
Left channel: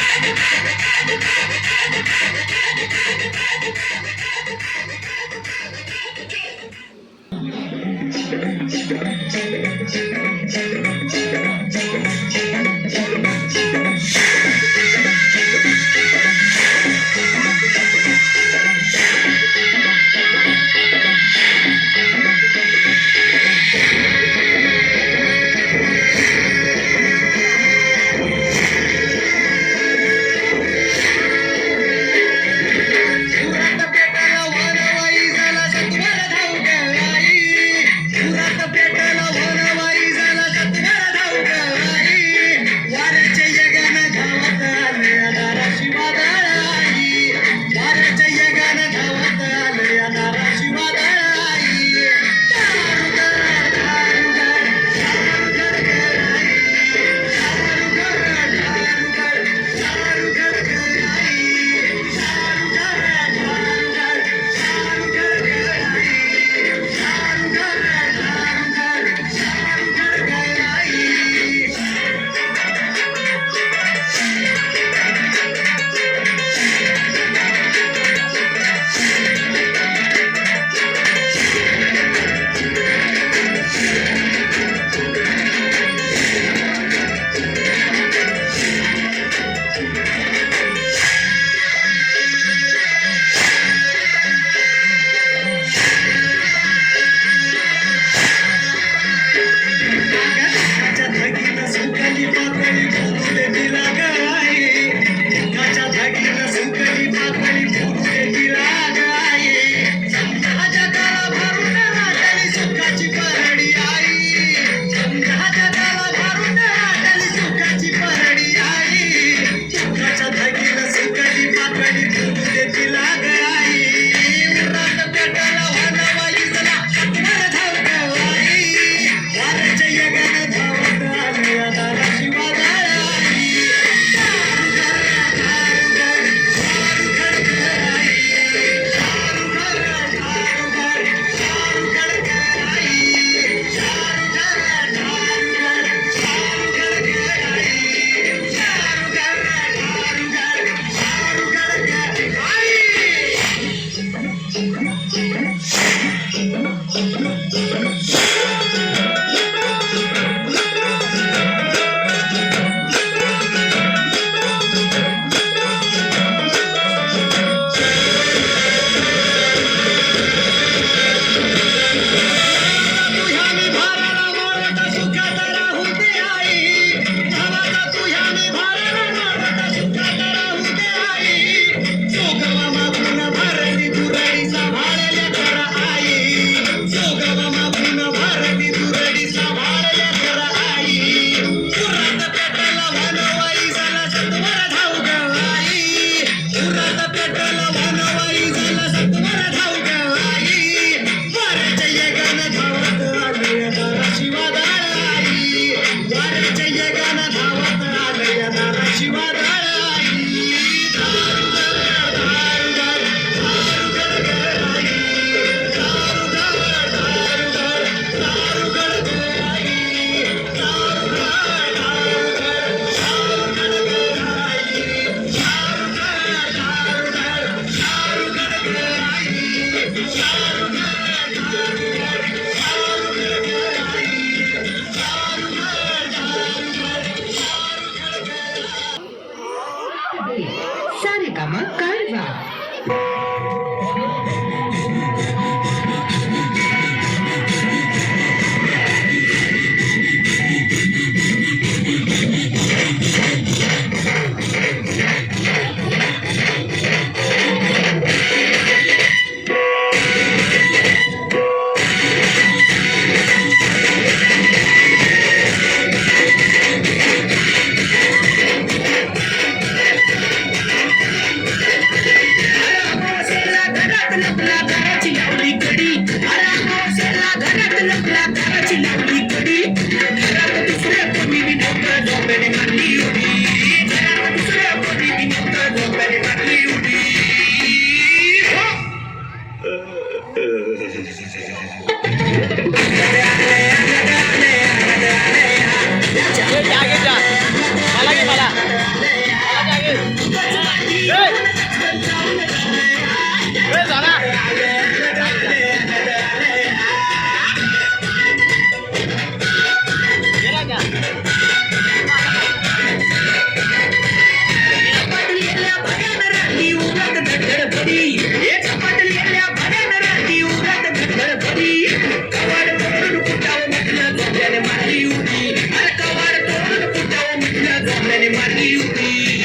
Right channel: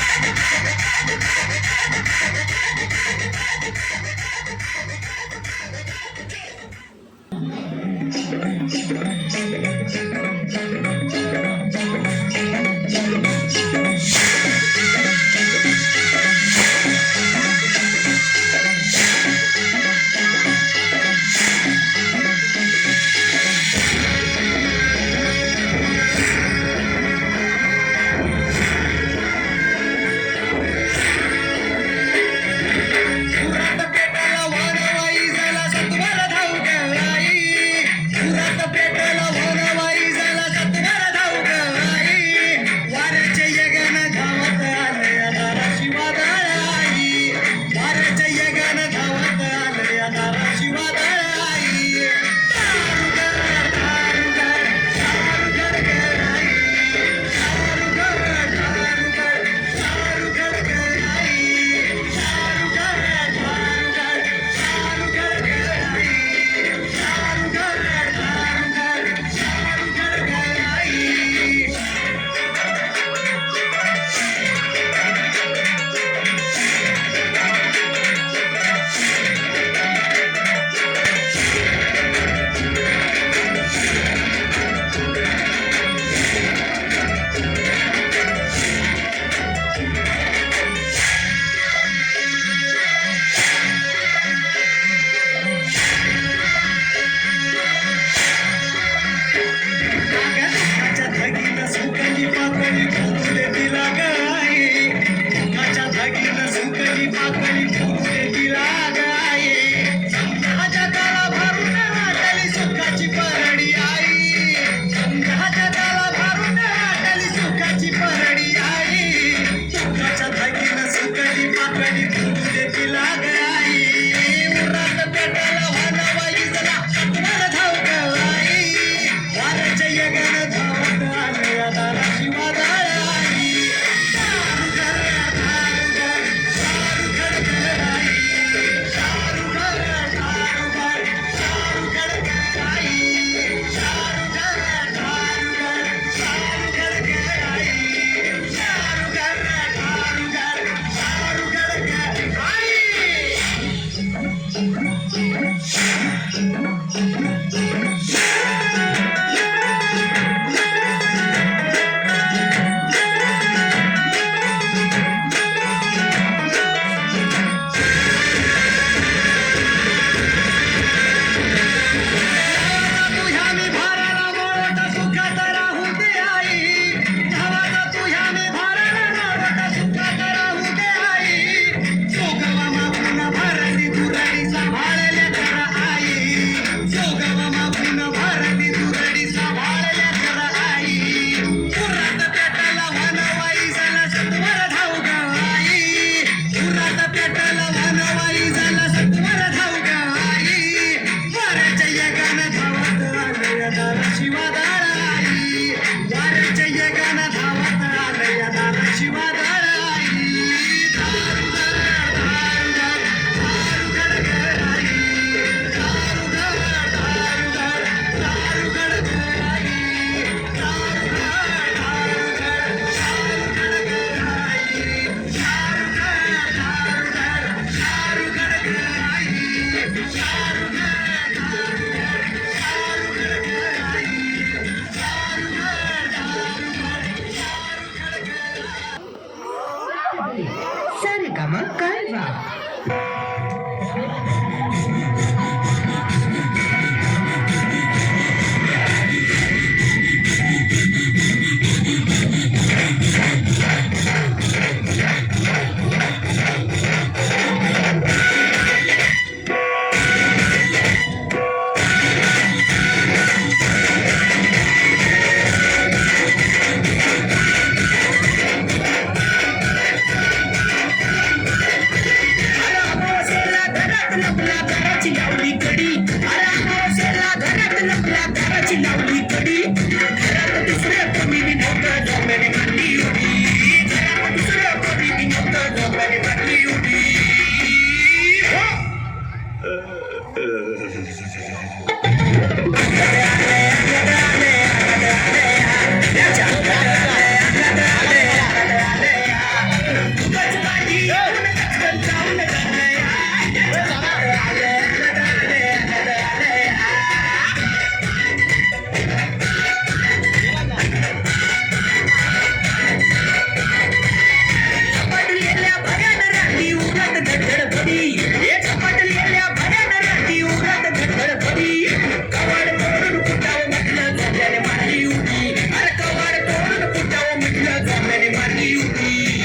मारली उडी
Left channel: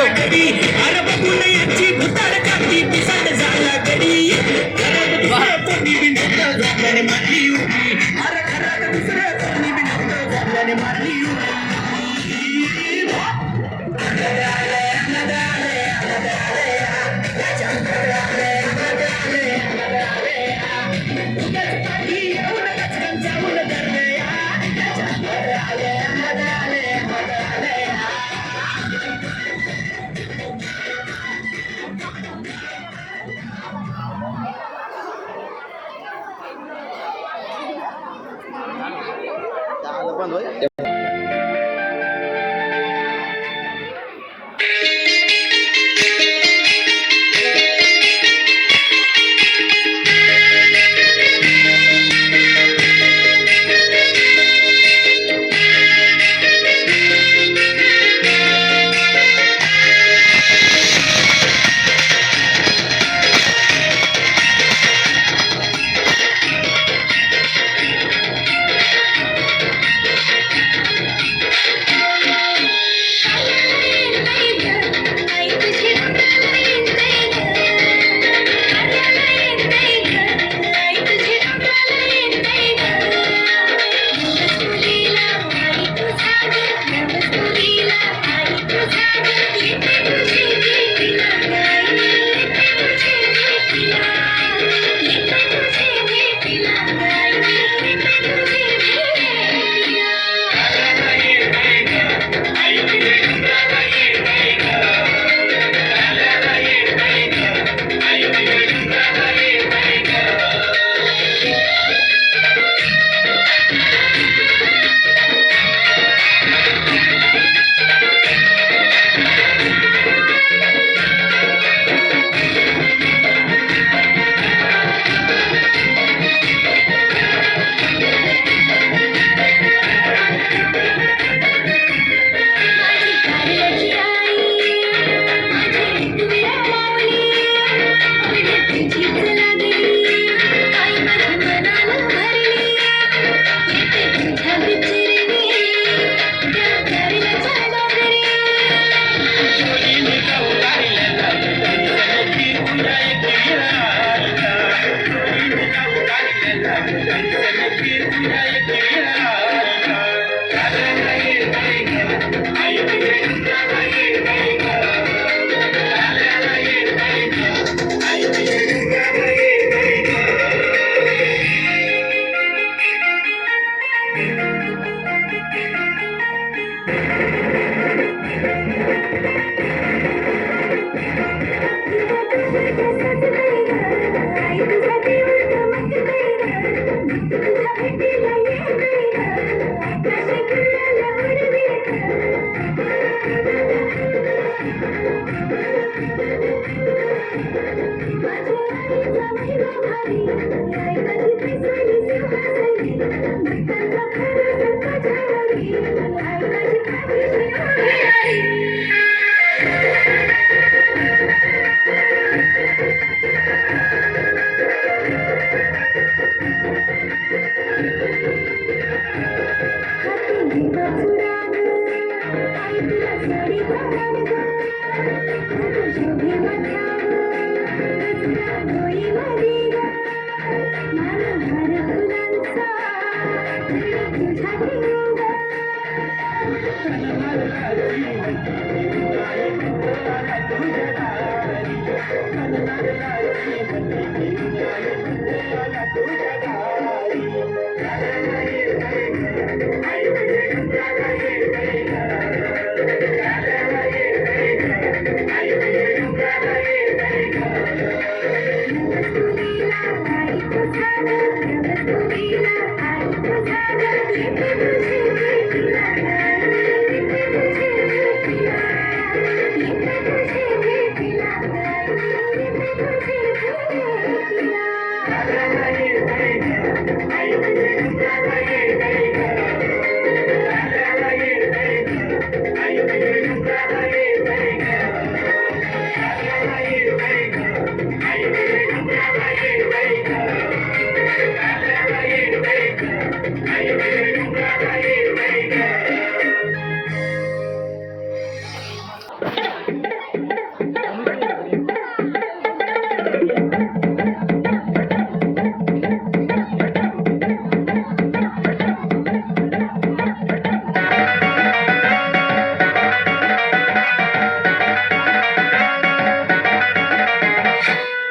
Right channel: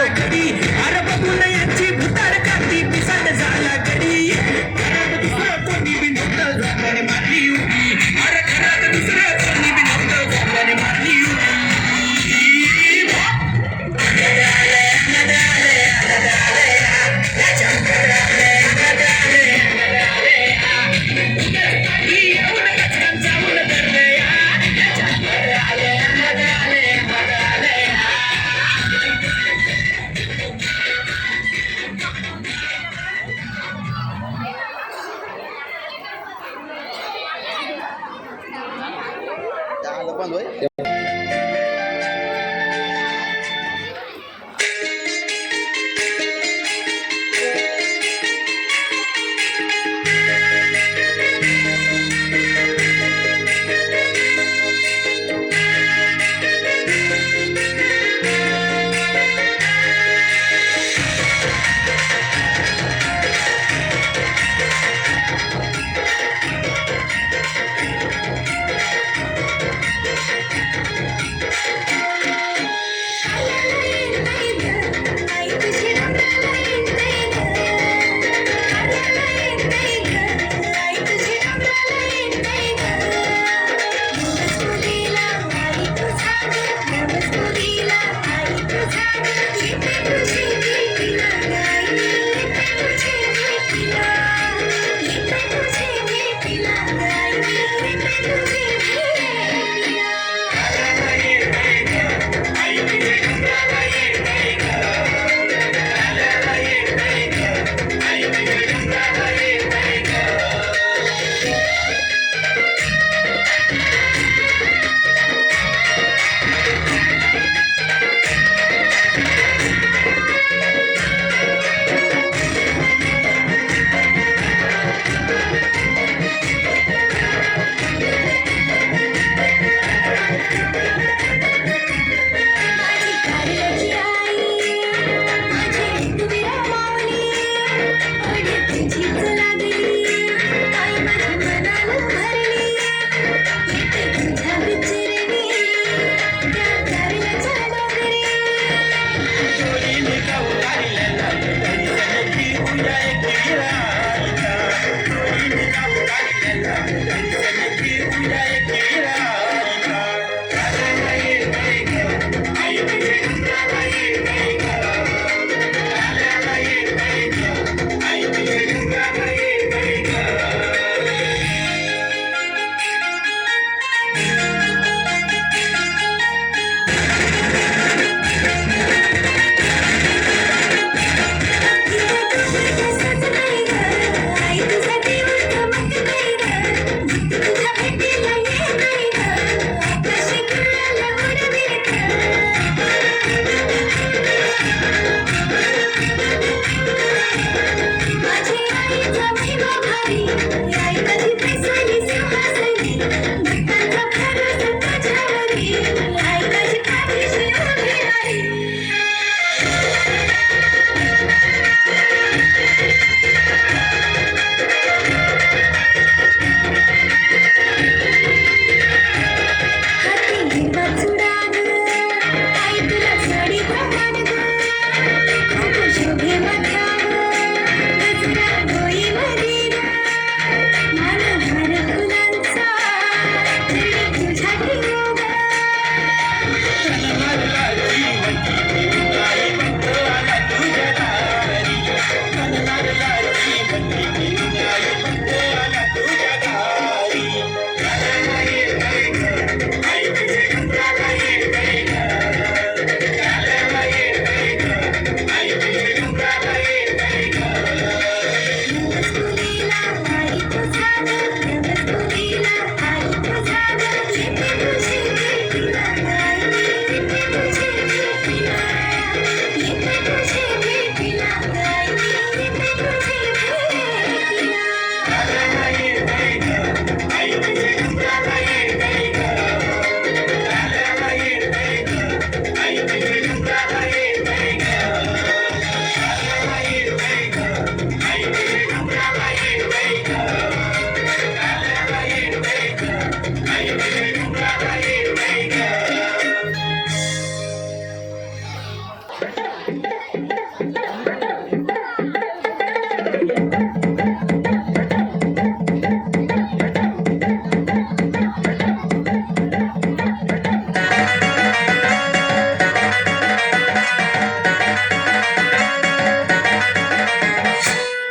अरे बघून यांची भूतार काठी पिसाट झाला गडी कोणी बी नव्हतं झाल्याने मारली उडी अरे खरं दुसरं कोणी बी नव्हतं झाल्याने मारली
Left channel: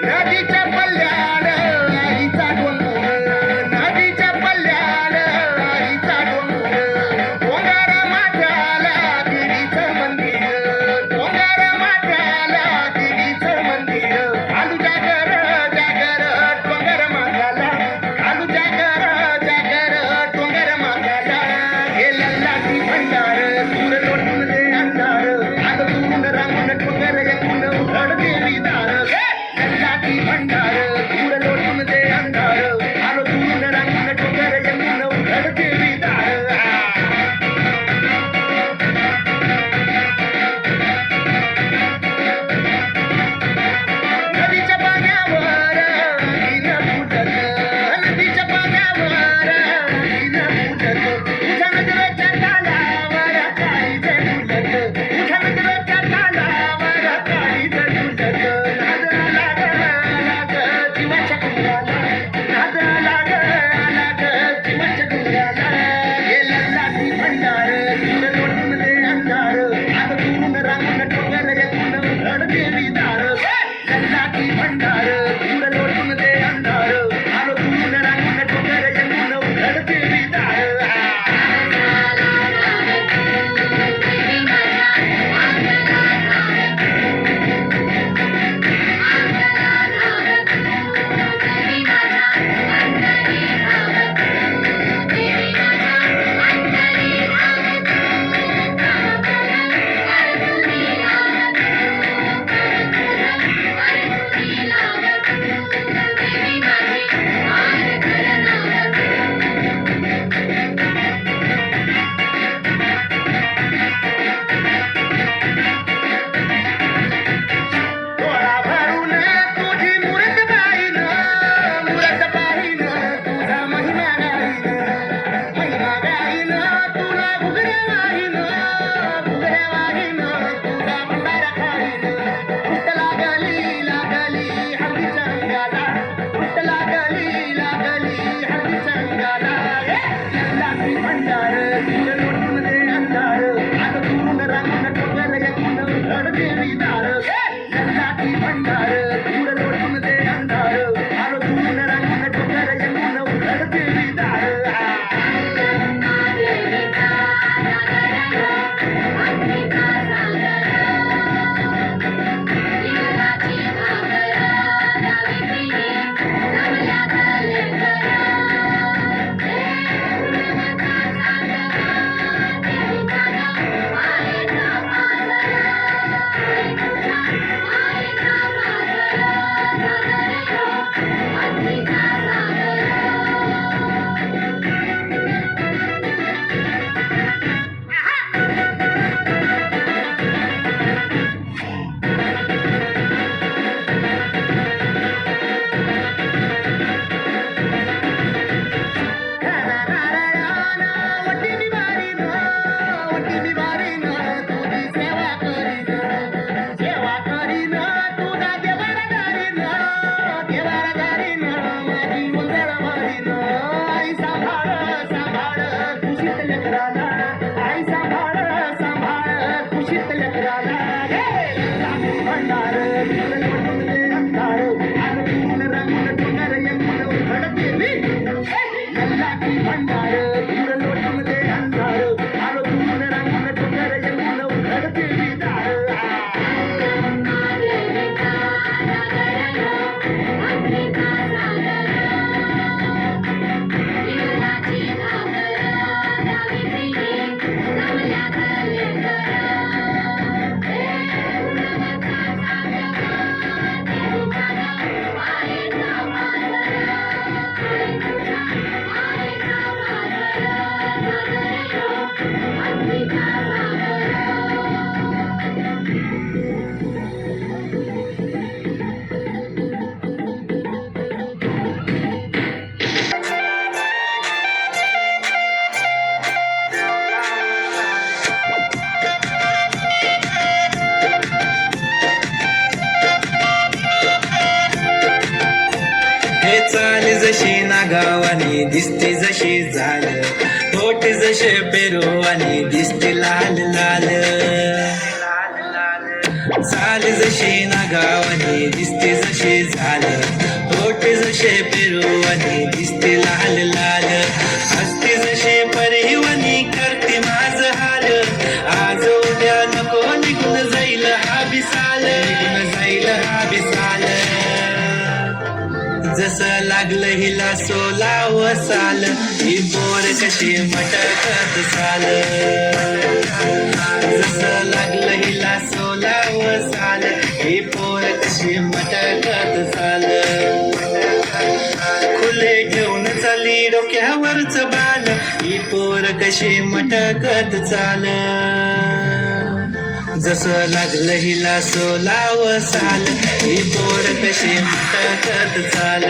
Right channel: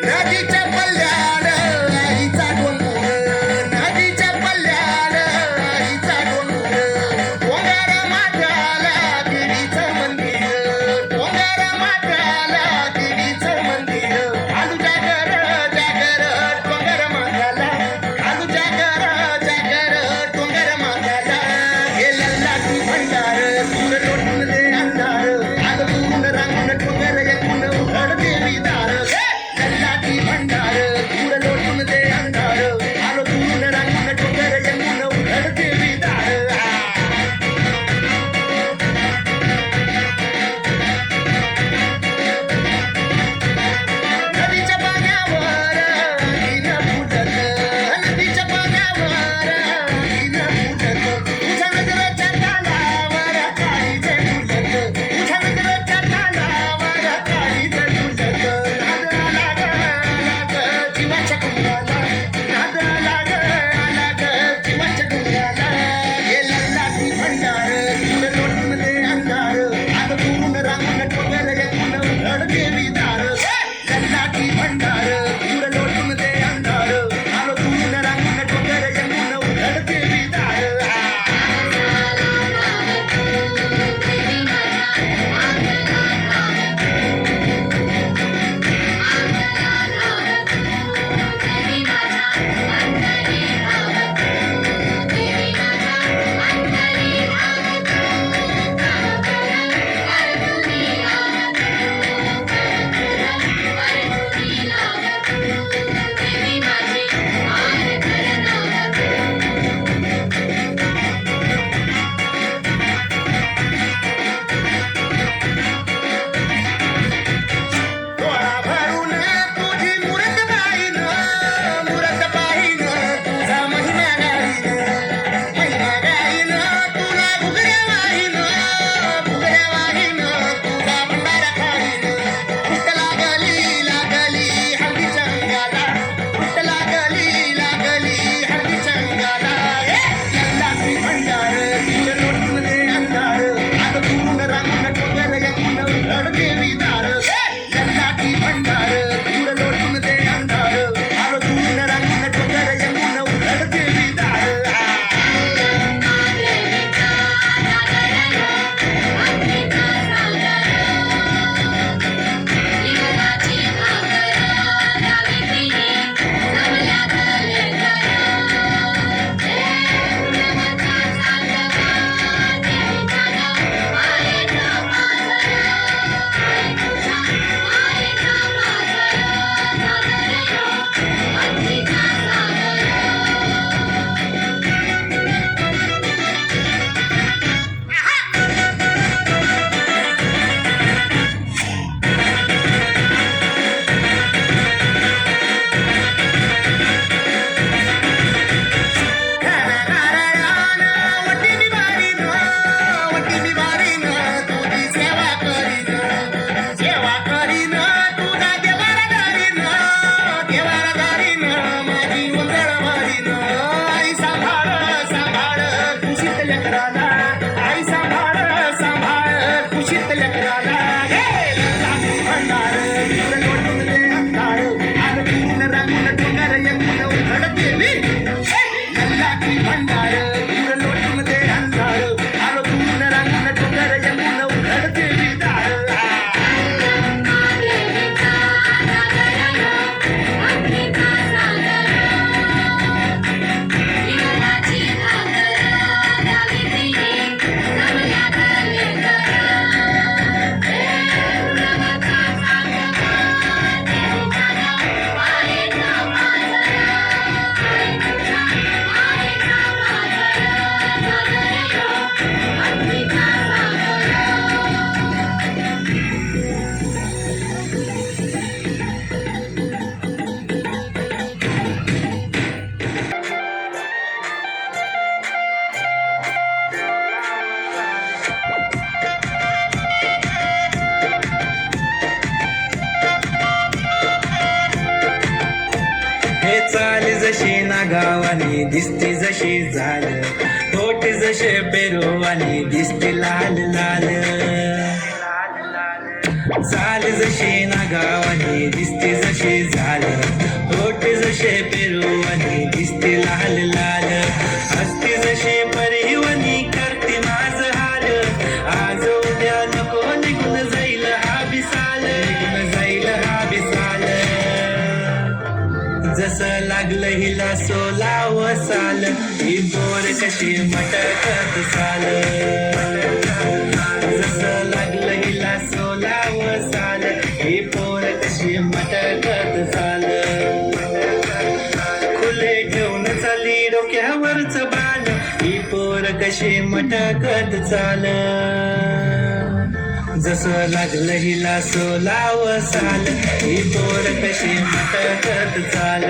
नदीच्या पल्ल्याड आईचा डोंगर, नदीच्या पल्ल्याड आईचा डोंगर, डोंगर माथ्याला देवीचं मंदिर, डोंगर जशी नागावानी दिसते जशी झाल होठ जसे पेरुवानी दिसते लाल लाल चाल जशी नागावानी दिसते जशी झाल होठ जसे पेरुवानी दिसते लाल लाल हसते जशी परिवानी करते माझ हाल आज उद्या नको निघून जाईल हा बिसाल निघून जाईल हा बिसाल जसं लागलं हिला सोलाव साल ही बोर कशी मटकत चाल जसं लागलं हिला सोलाव साल ही पोर कशी मटकत चाल खुले ठेवून चाली डोक्यावरच बाल ही पोर कशी मटकत चाल जसं लागलं हिला सोलाव साल ही पोर कशी मटकत चाल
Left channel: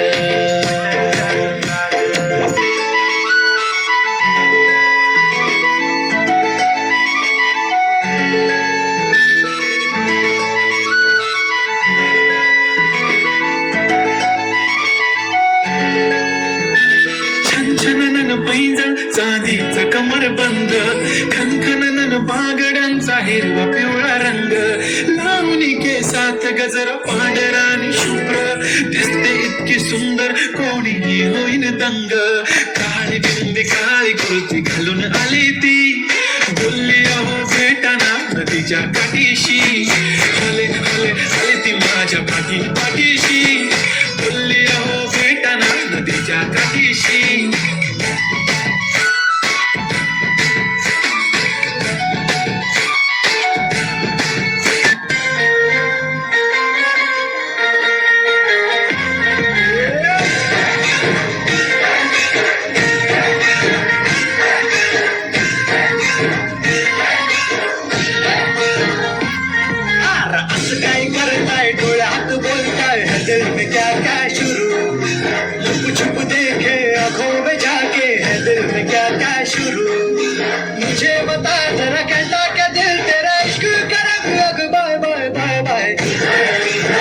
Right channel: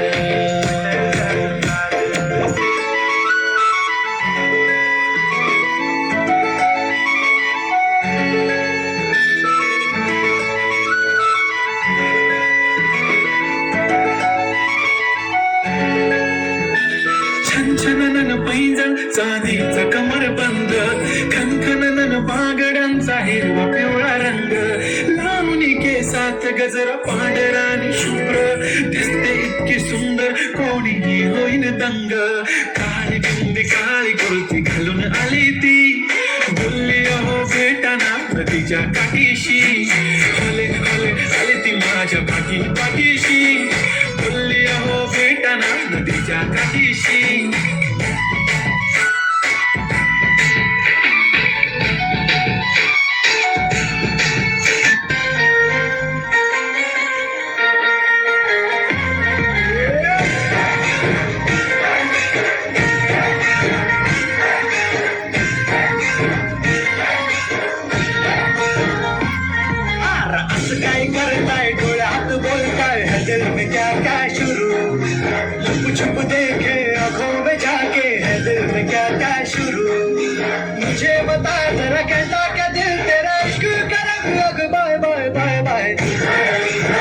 छनछनन पैंजण चांदीचा कमर बंद खनखनन बागड्यांचा हिरवा पिवळा रंग लावणी केसात गजरा पांढरा आणि शुभ्र दिसते इतकी सुंदर कोणीही होईन दंग काळी बिंदी काळी कुर्ती घालून आली ती बोलली अहो भेटाना नदीच्या काठीशी आले आले आले ती माझ्या पाठीशी बोलली अहो भेटाना नदीच्या काठीशी असं काय करताय डोळ्यात बोलताय है दिल में क्या क्या शुरू लुप छुप देखे आंखों में जाके है दिल में क्या क्या शुरू मुझे बता जरा कहता क्या दिल तेरा इश्क करम लग बाय बाय बाय बाय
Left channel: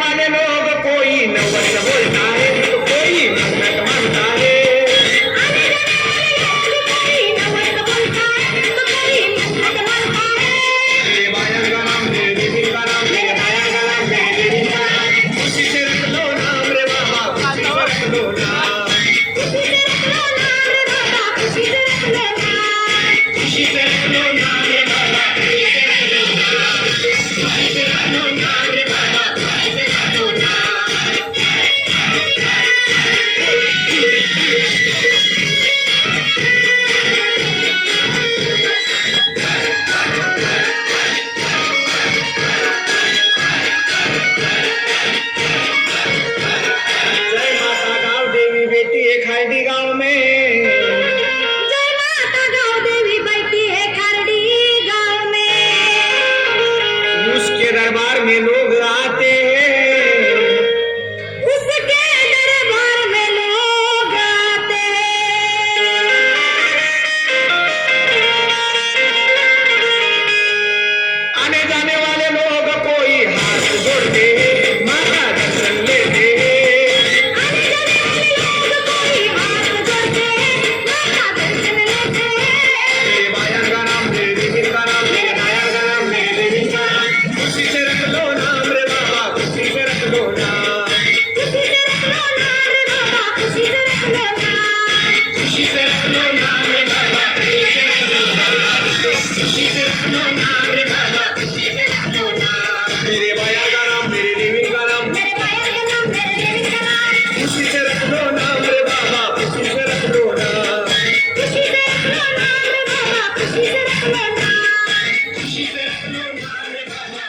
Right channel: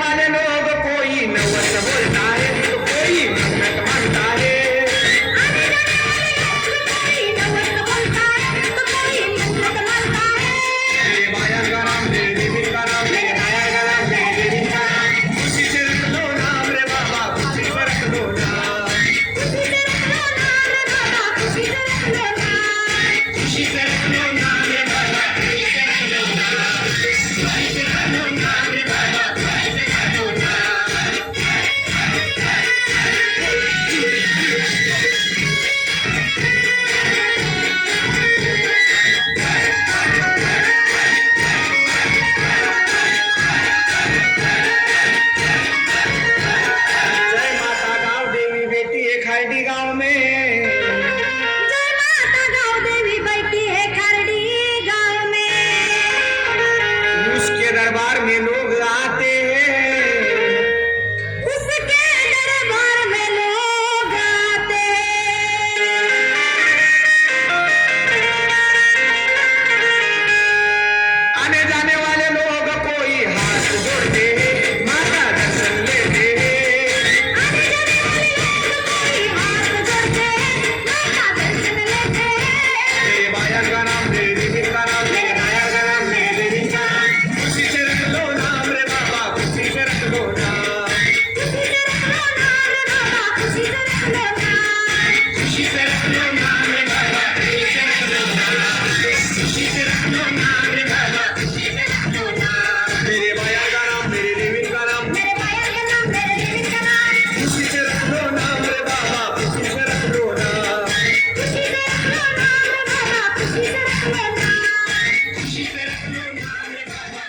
वाले लोग कोई नवल बोलता है तो कोई नवल मानता है मेरे बाया का नाम मेरे दिल का नाम मेरे बाया का नाम मेरे दिल का नाम खुशी से रख लो नाम रे बाबा खुशी से रख लो नाम खुशी से रख लो नाम रे बाबा खुशी से रख लो नाम खुशी से रख लो नाम रे बाबा खुशी से रख लो नाम रे बाबा खुशी से रख लो नाम जय माता गाँव देवी बेटी है खारडी गाँव में जय माता गाँव देवी बैठी है खारडी गाँव में उसके दरबार में लोग आते हैं उसके दरबार में लोग आते आने जाने वाले लोग कोई हाथ जोड़ते हैं माता दर्शन लेते हैं मेरे बाया का नाम मेरे दिल का नाम मेरे बाया का नाम मेरे दिल का नाम खुशी से रख लो नाम रे बाबा खुशी से रख लो नाम खुशी से रख लो नाम रे बाबा खुशी से रख लो नाम खुशी से रख लो नाम रे बाबा खुशी से रख लो नाम रे बाबा खुशी से रख लो नाम मेरे बाया का नाम मेरे दिल का नाम खुशी से रख लो नाम रे बाबा खुशी से रख लो नाम खुशी से रख लो नाम रे बाबा खुशी से रख लो नाम खुशी से रख लो नाम रे बाबा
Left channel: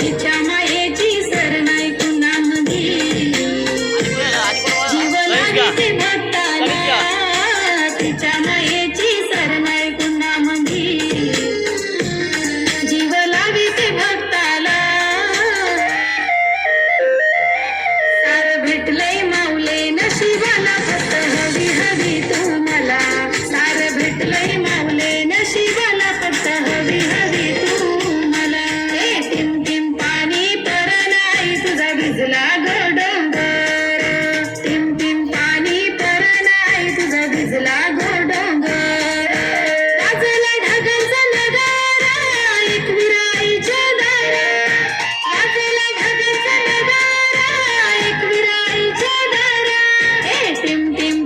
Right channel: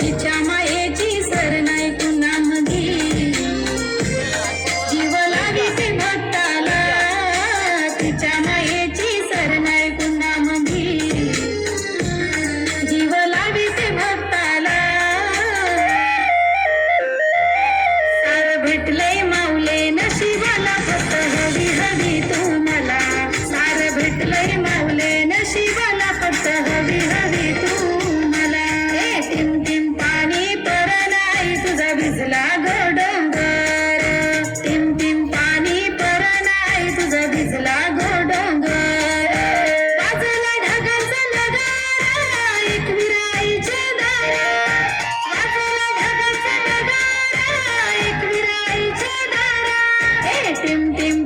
तिच्या मायेची सर नाही कुणामध्ये जीव लागते भक्ताला तिच्या मायेची सर नाही कुणामध्ये जीव लागते भक्ताला सार भेटलंय माऊले नशिबाला फक्त हवी हवी तुम्हाला सार भेटलंय माऊले नशिबाला फक्त हवी हवी तुम्हाला हे टिम टिम पाणी पर नाही तुझा भिजला गो डोंगर टिम टिम पाणी पर नाही तुझा भिजला गो डोंगर वाजला ढगाचा नगारा एकविराईच्या दारात वाजला ढगाचा नगारा एकविराईच्या दारात हे टिम टिम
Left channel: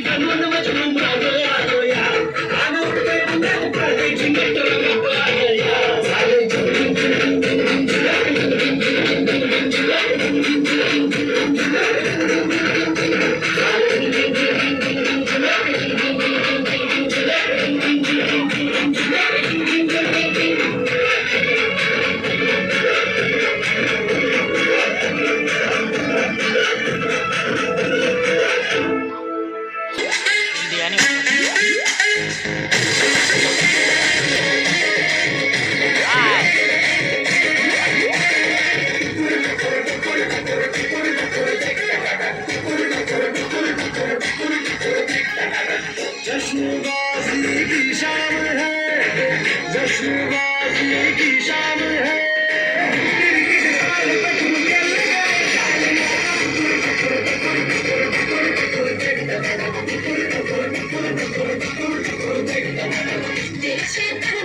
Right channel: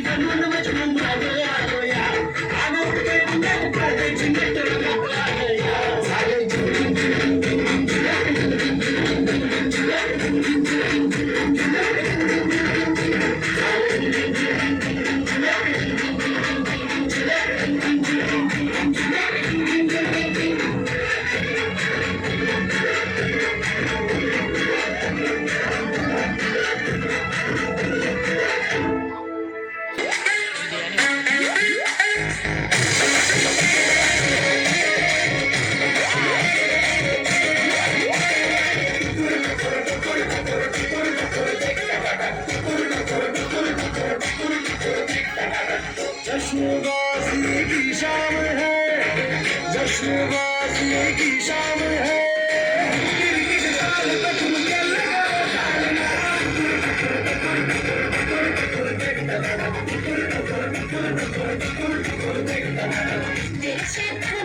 बनून मजनू मागं आलोया. आनंद अंगात काढे झुंबत मागं आलोया. झालं झुंबत. जश्न गाजी की शाम है, जश्न गाजी की शाम है. देशात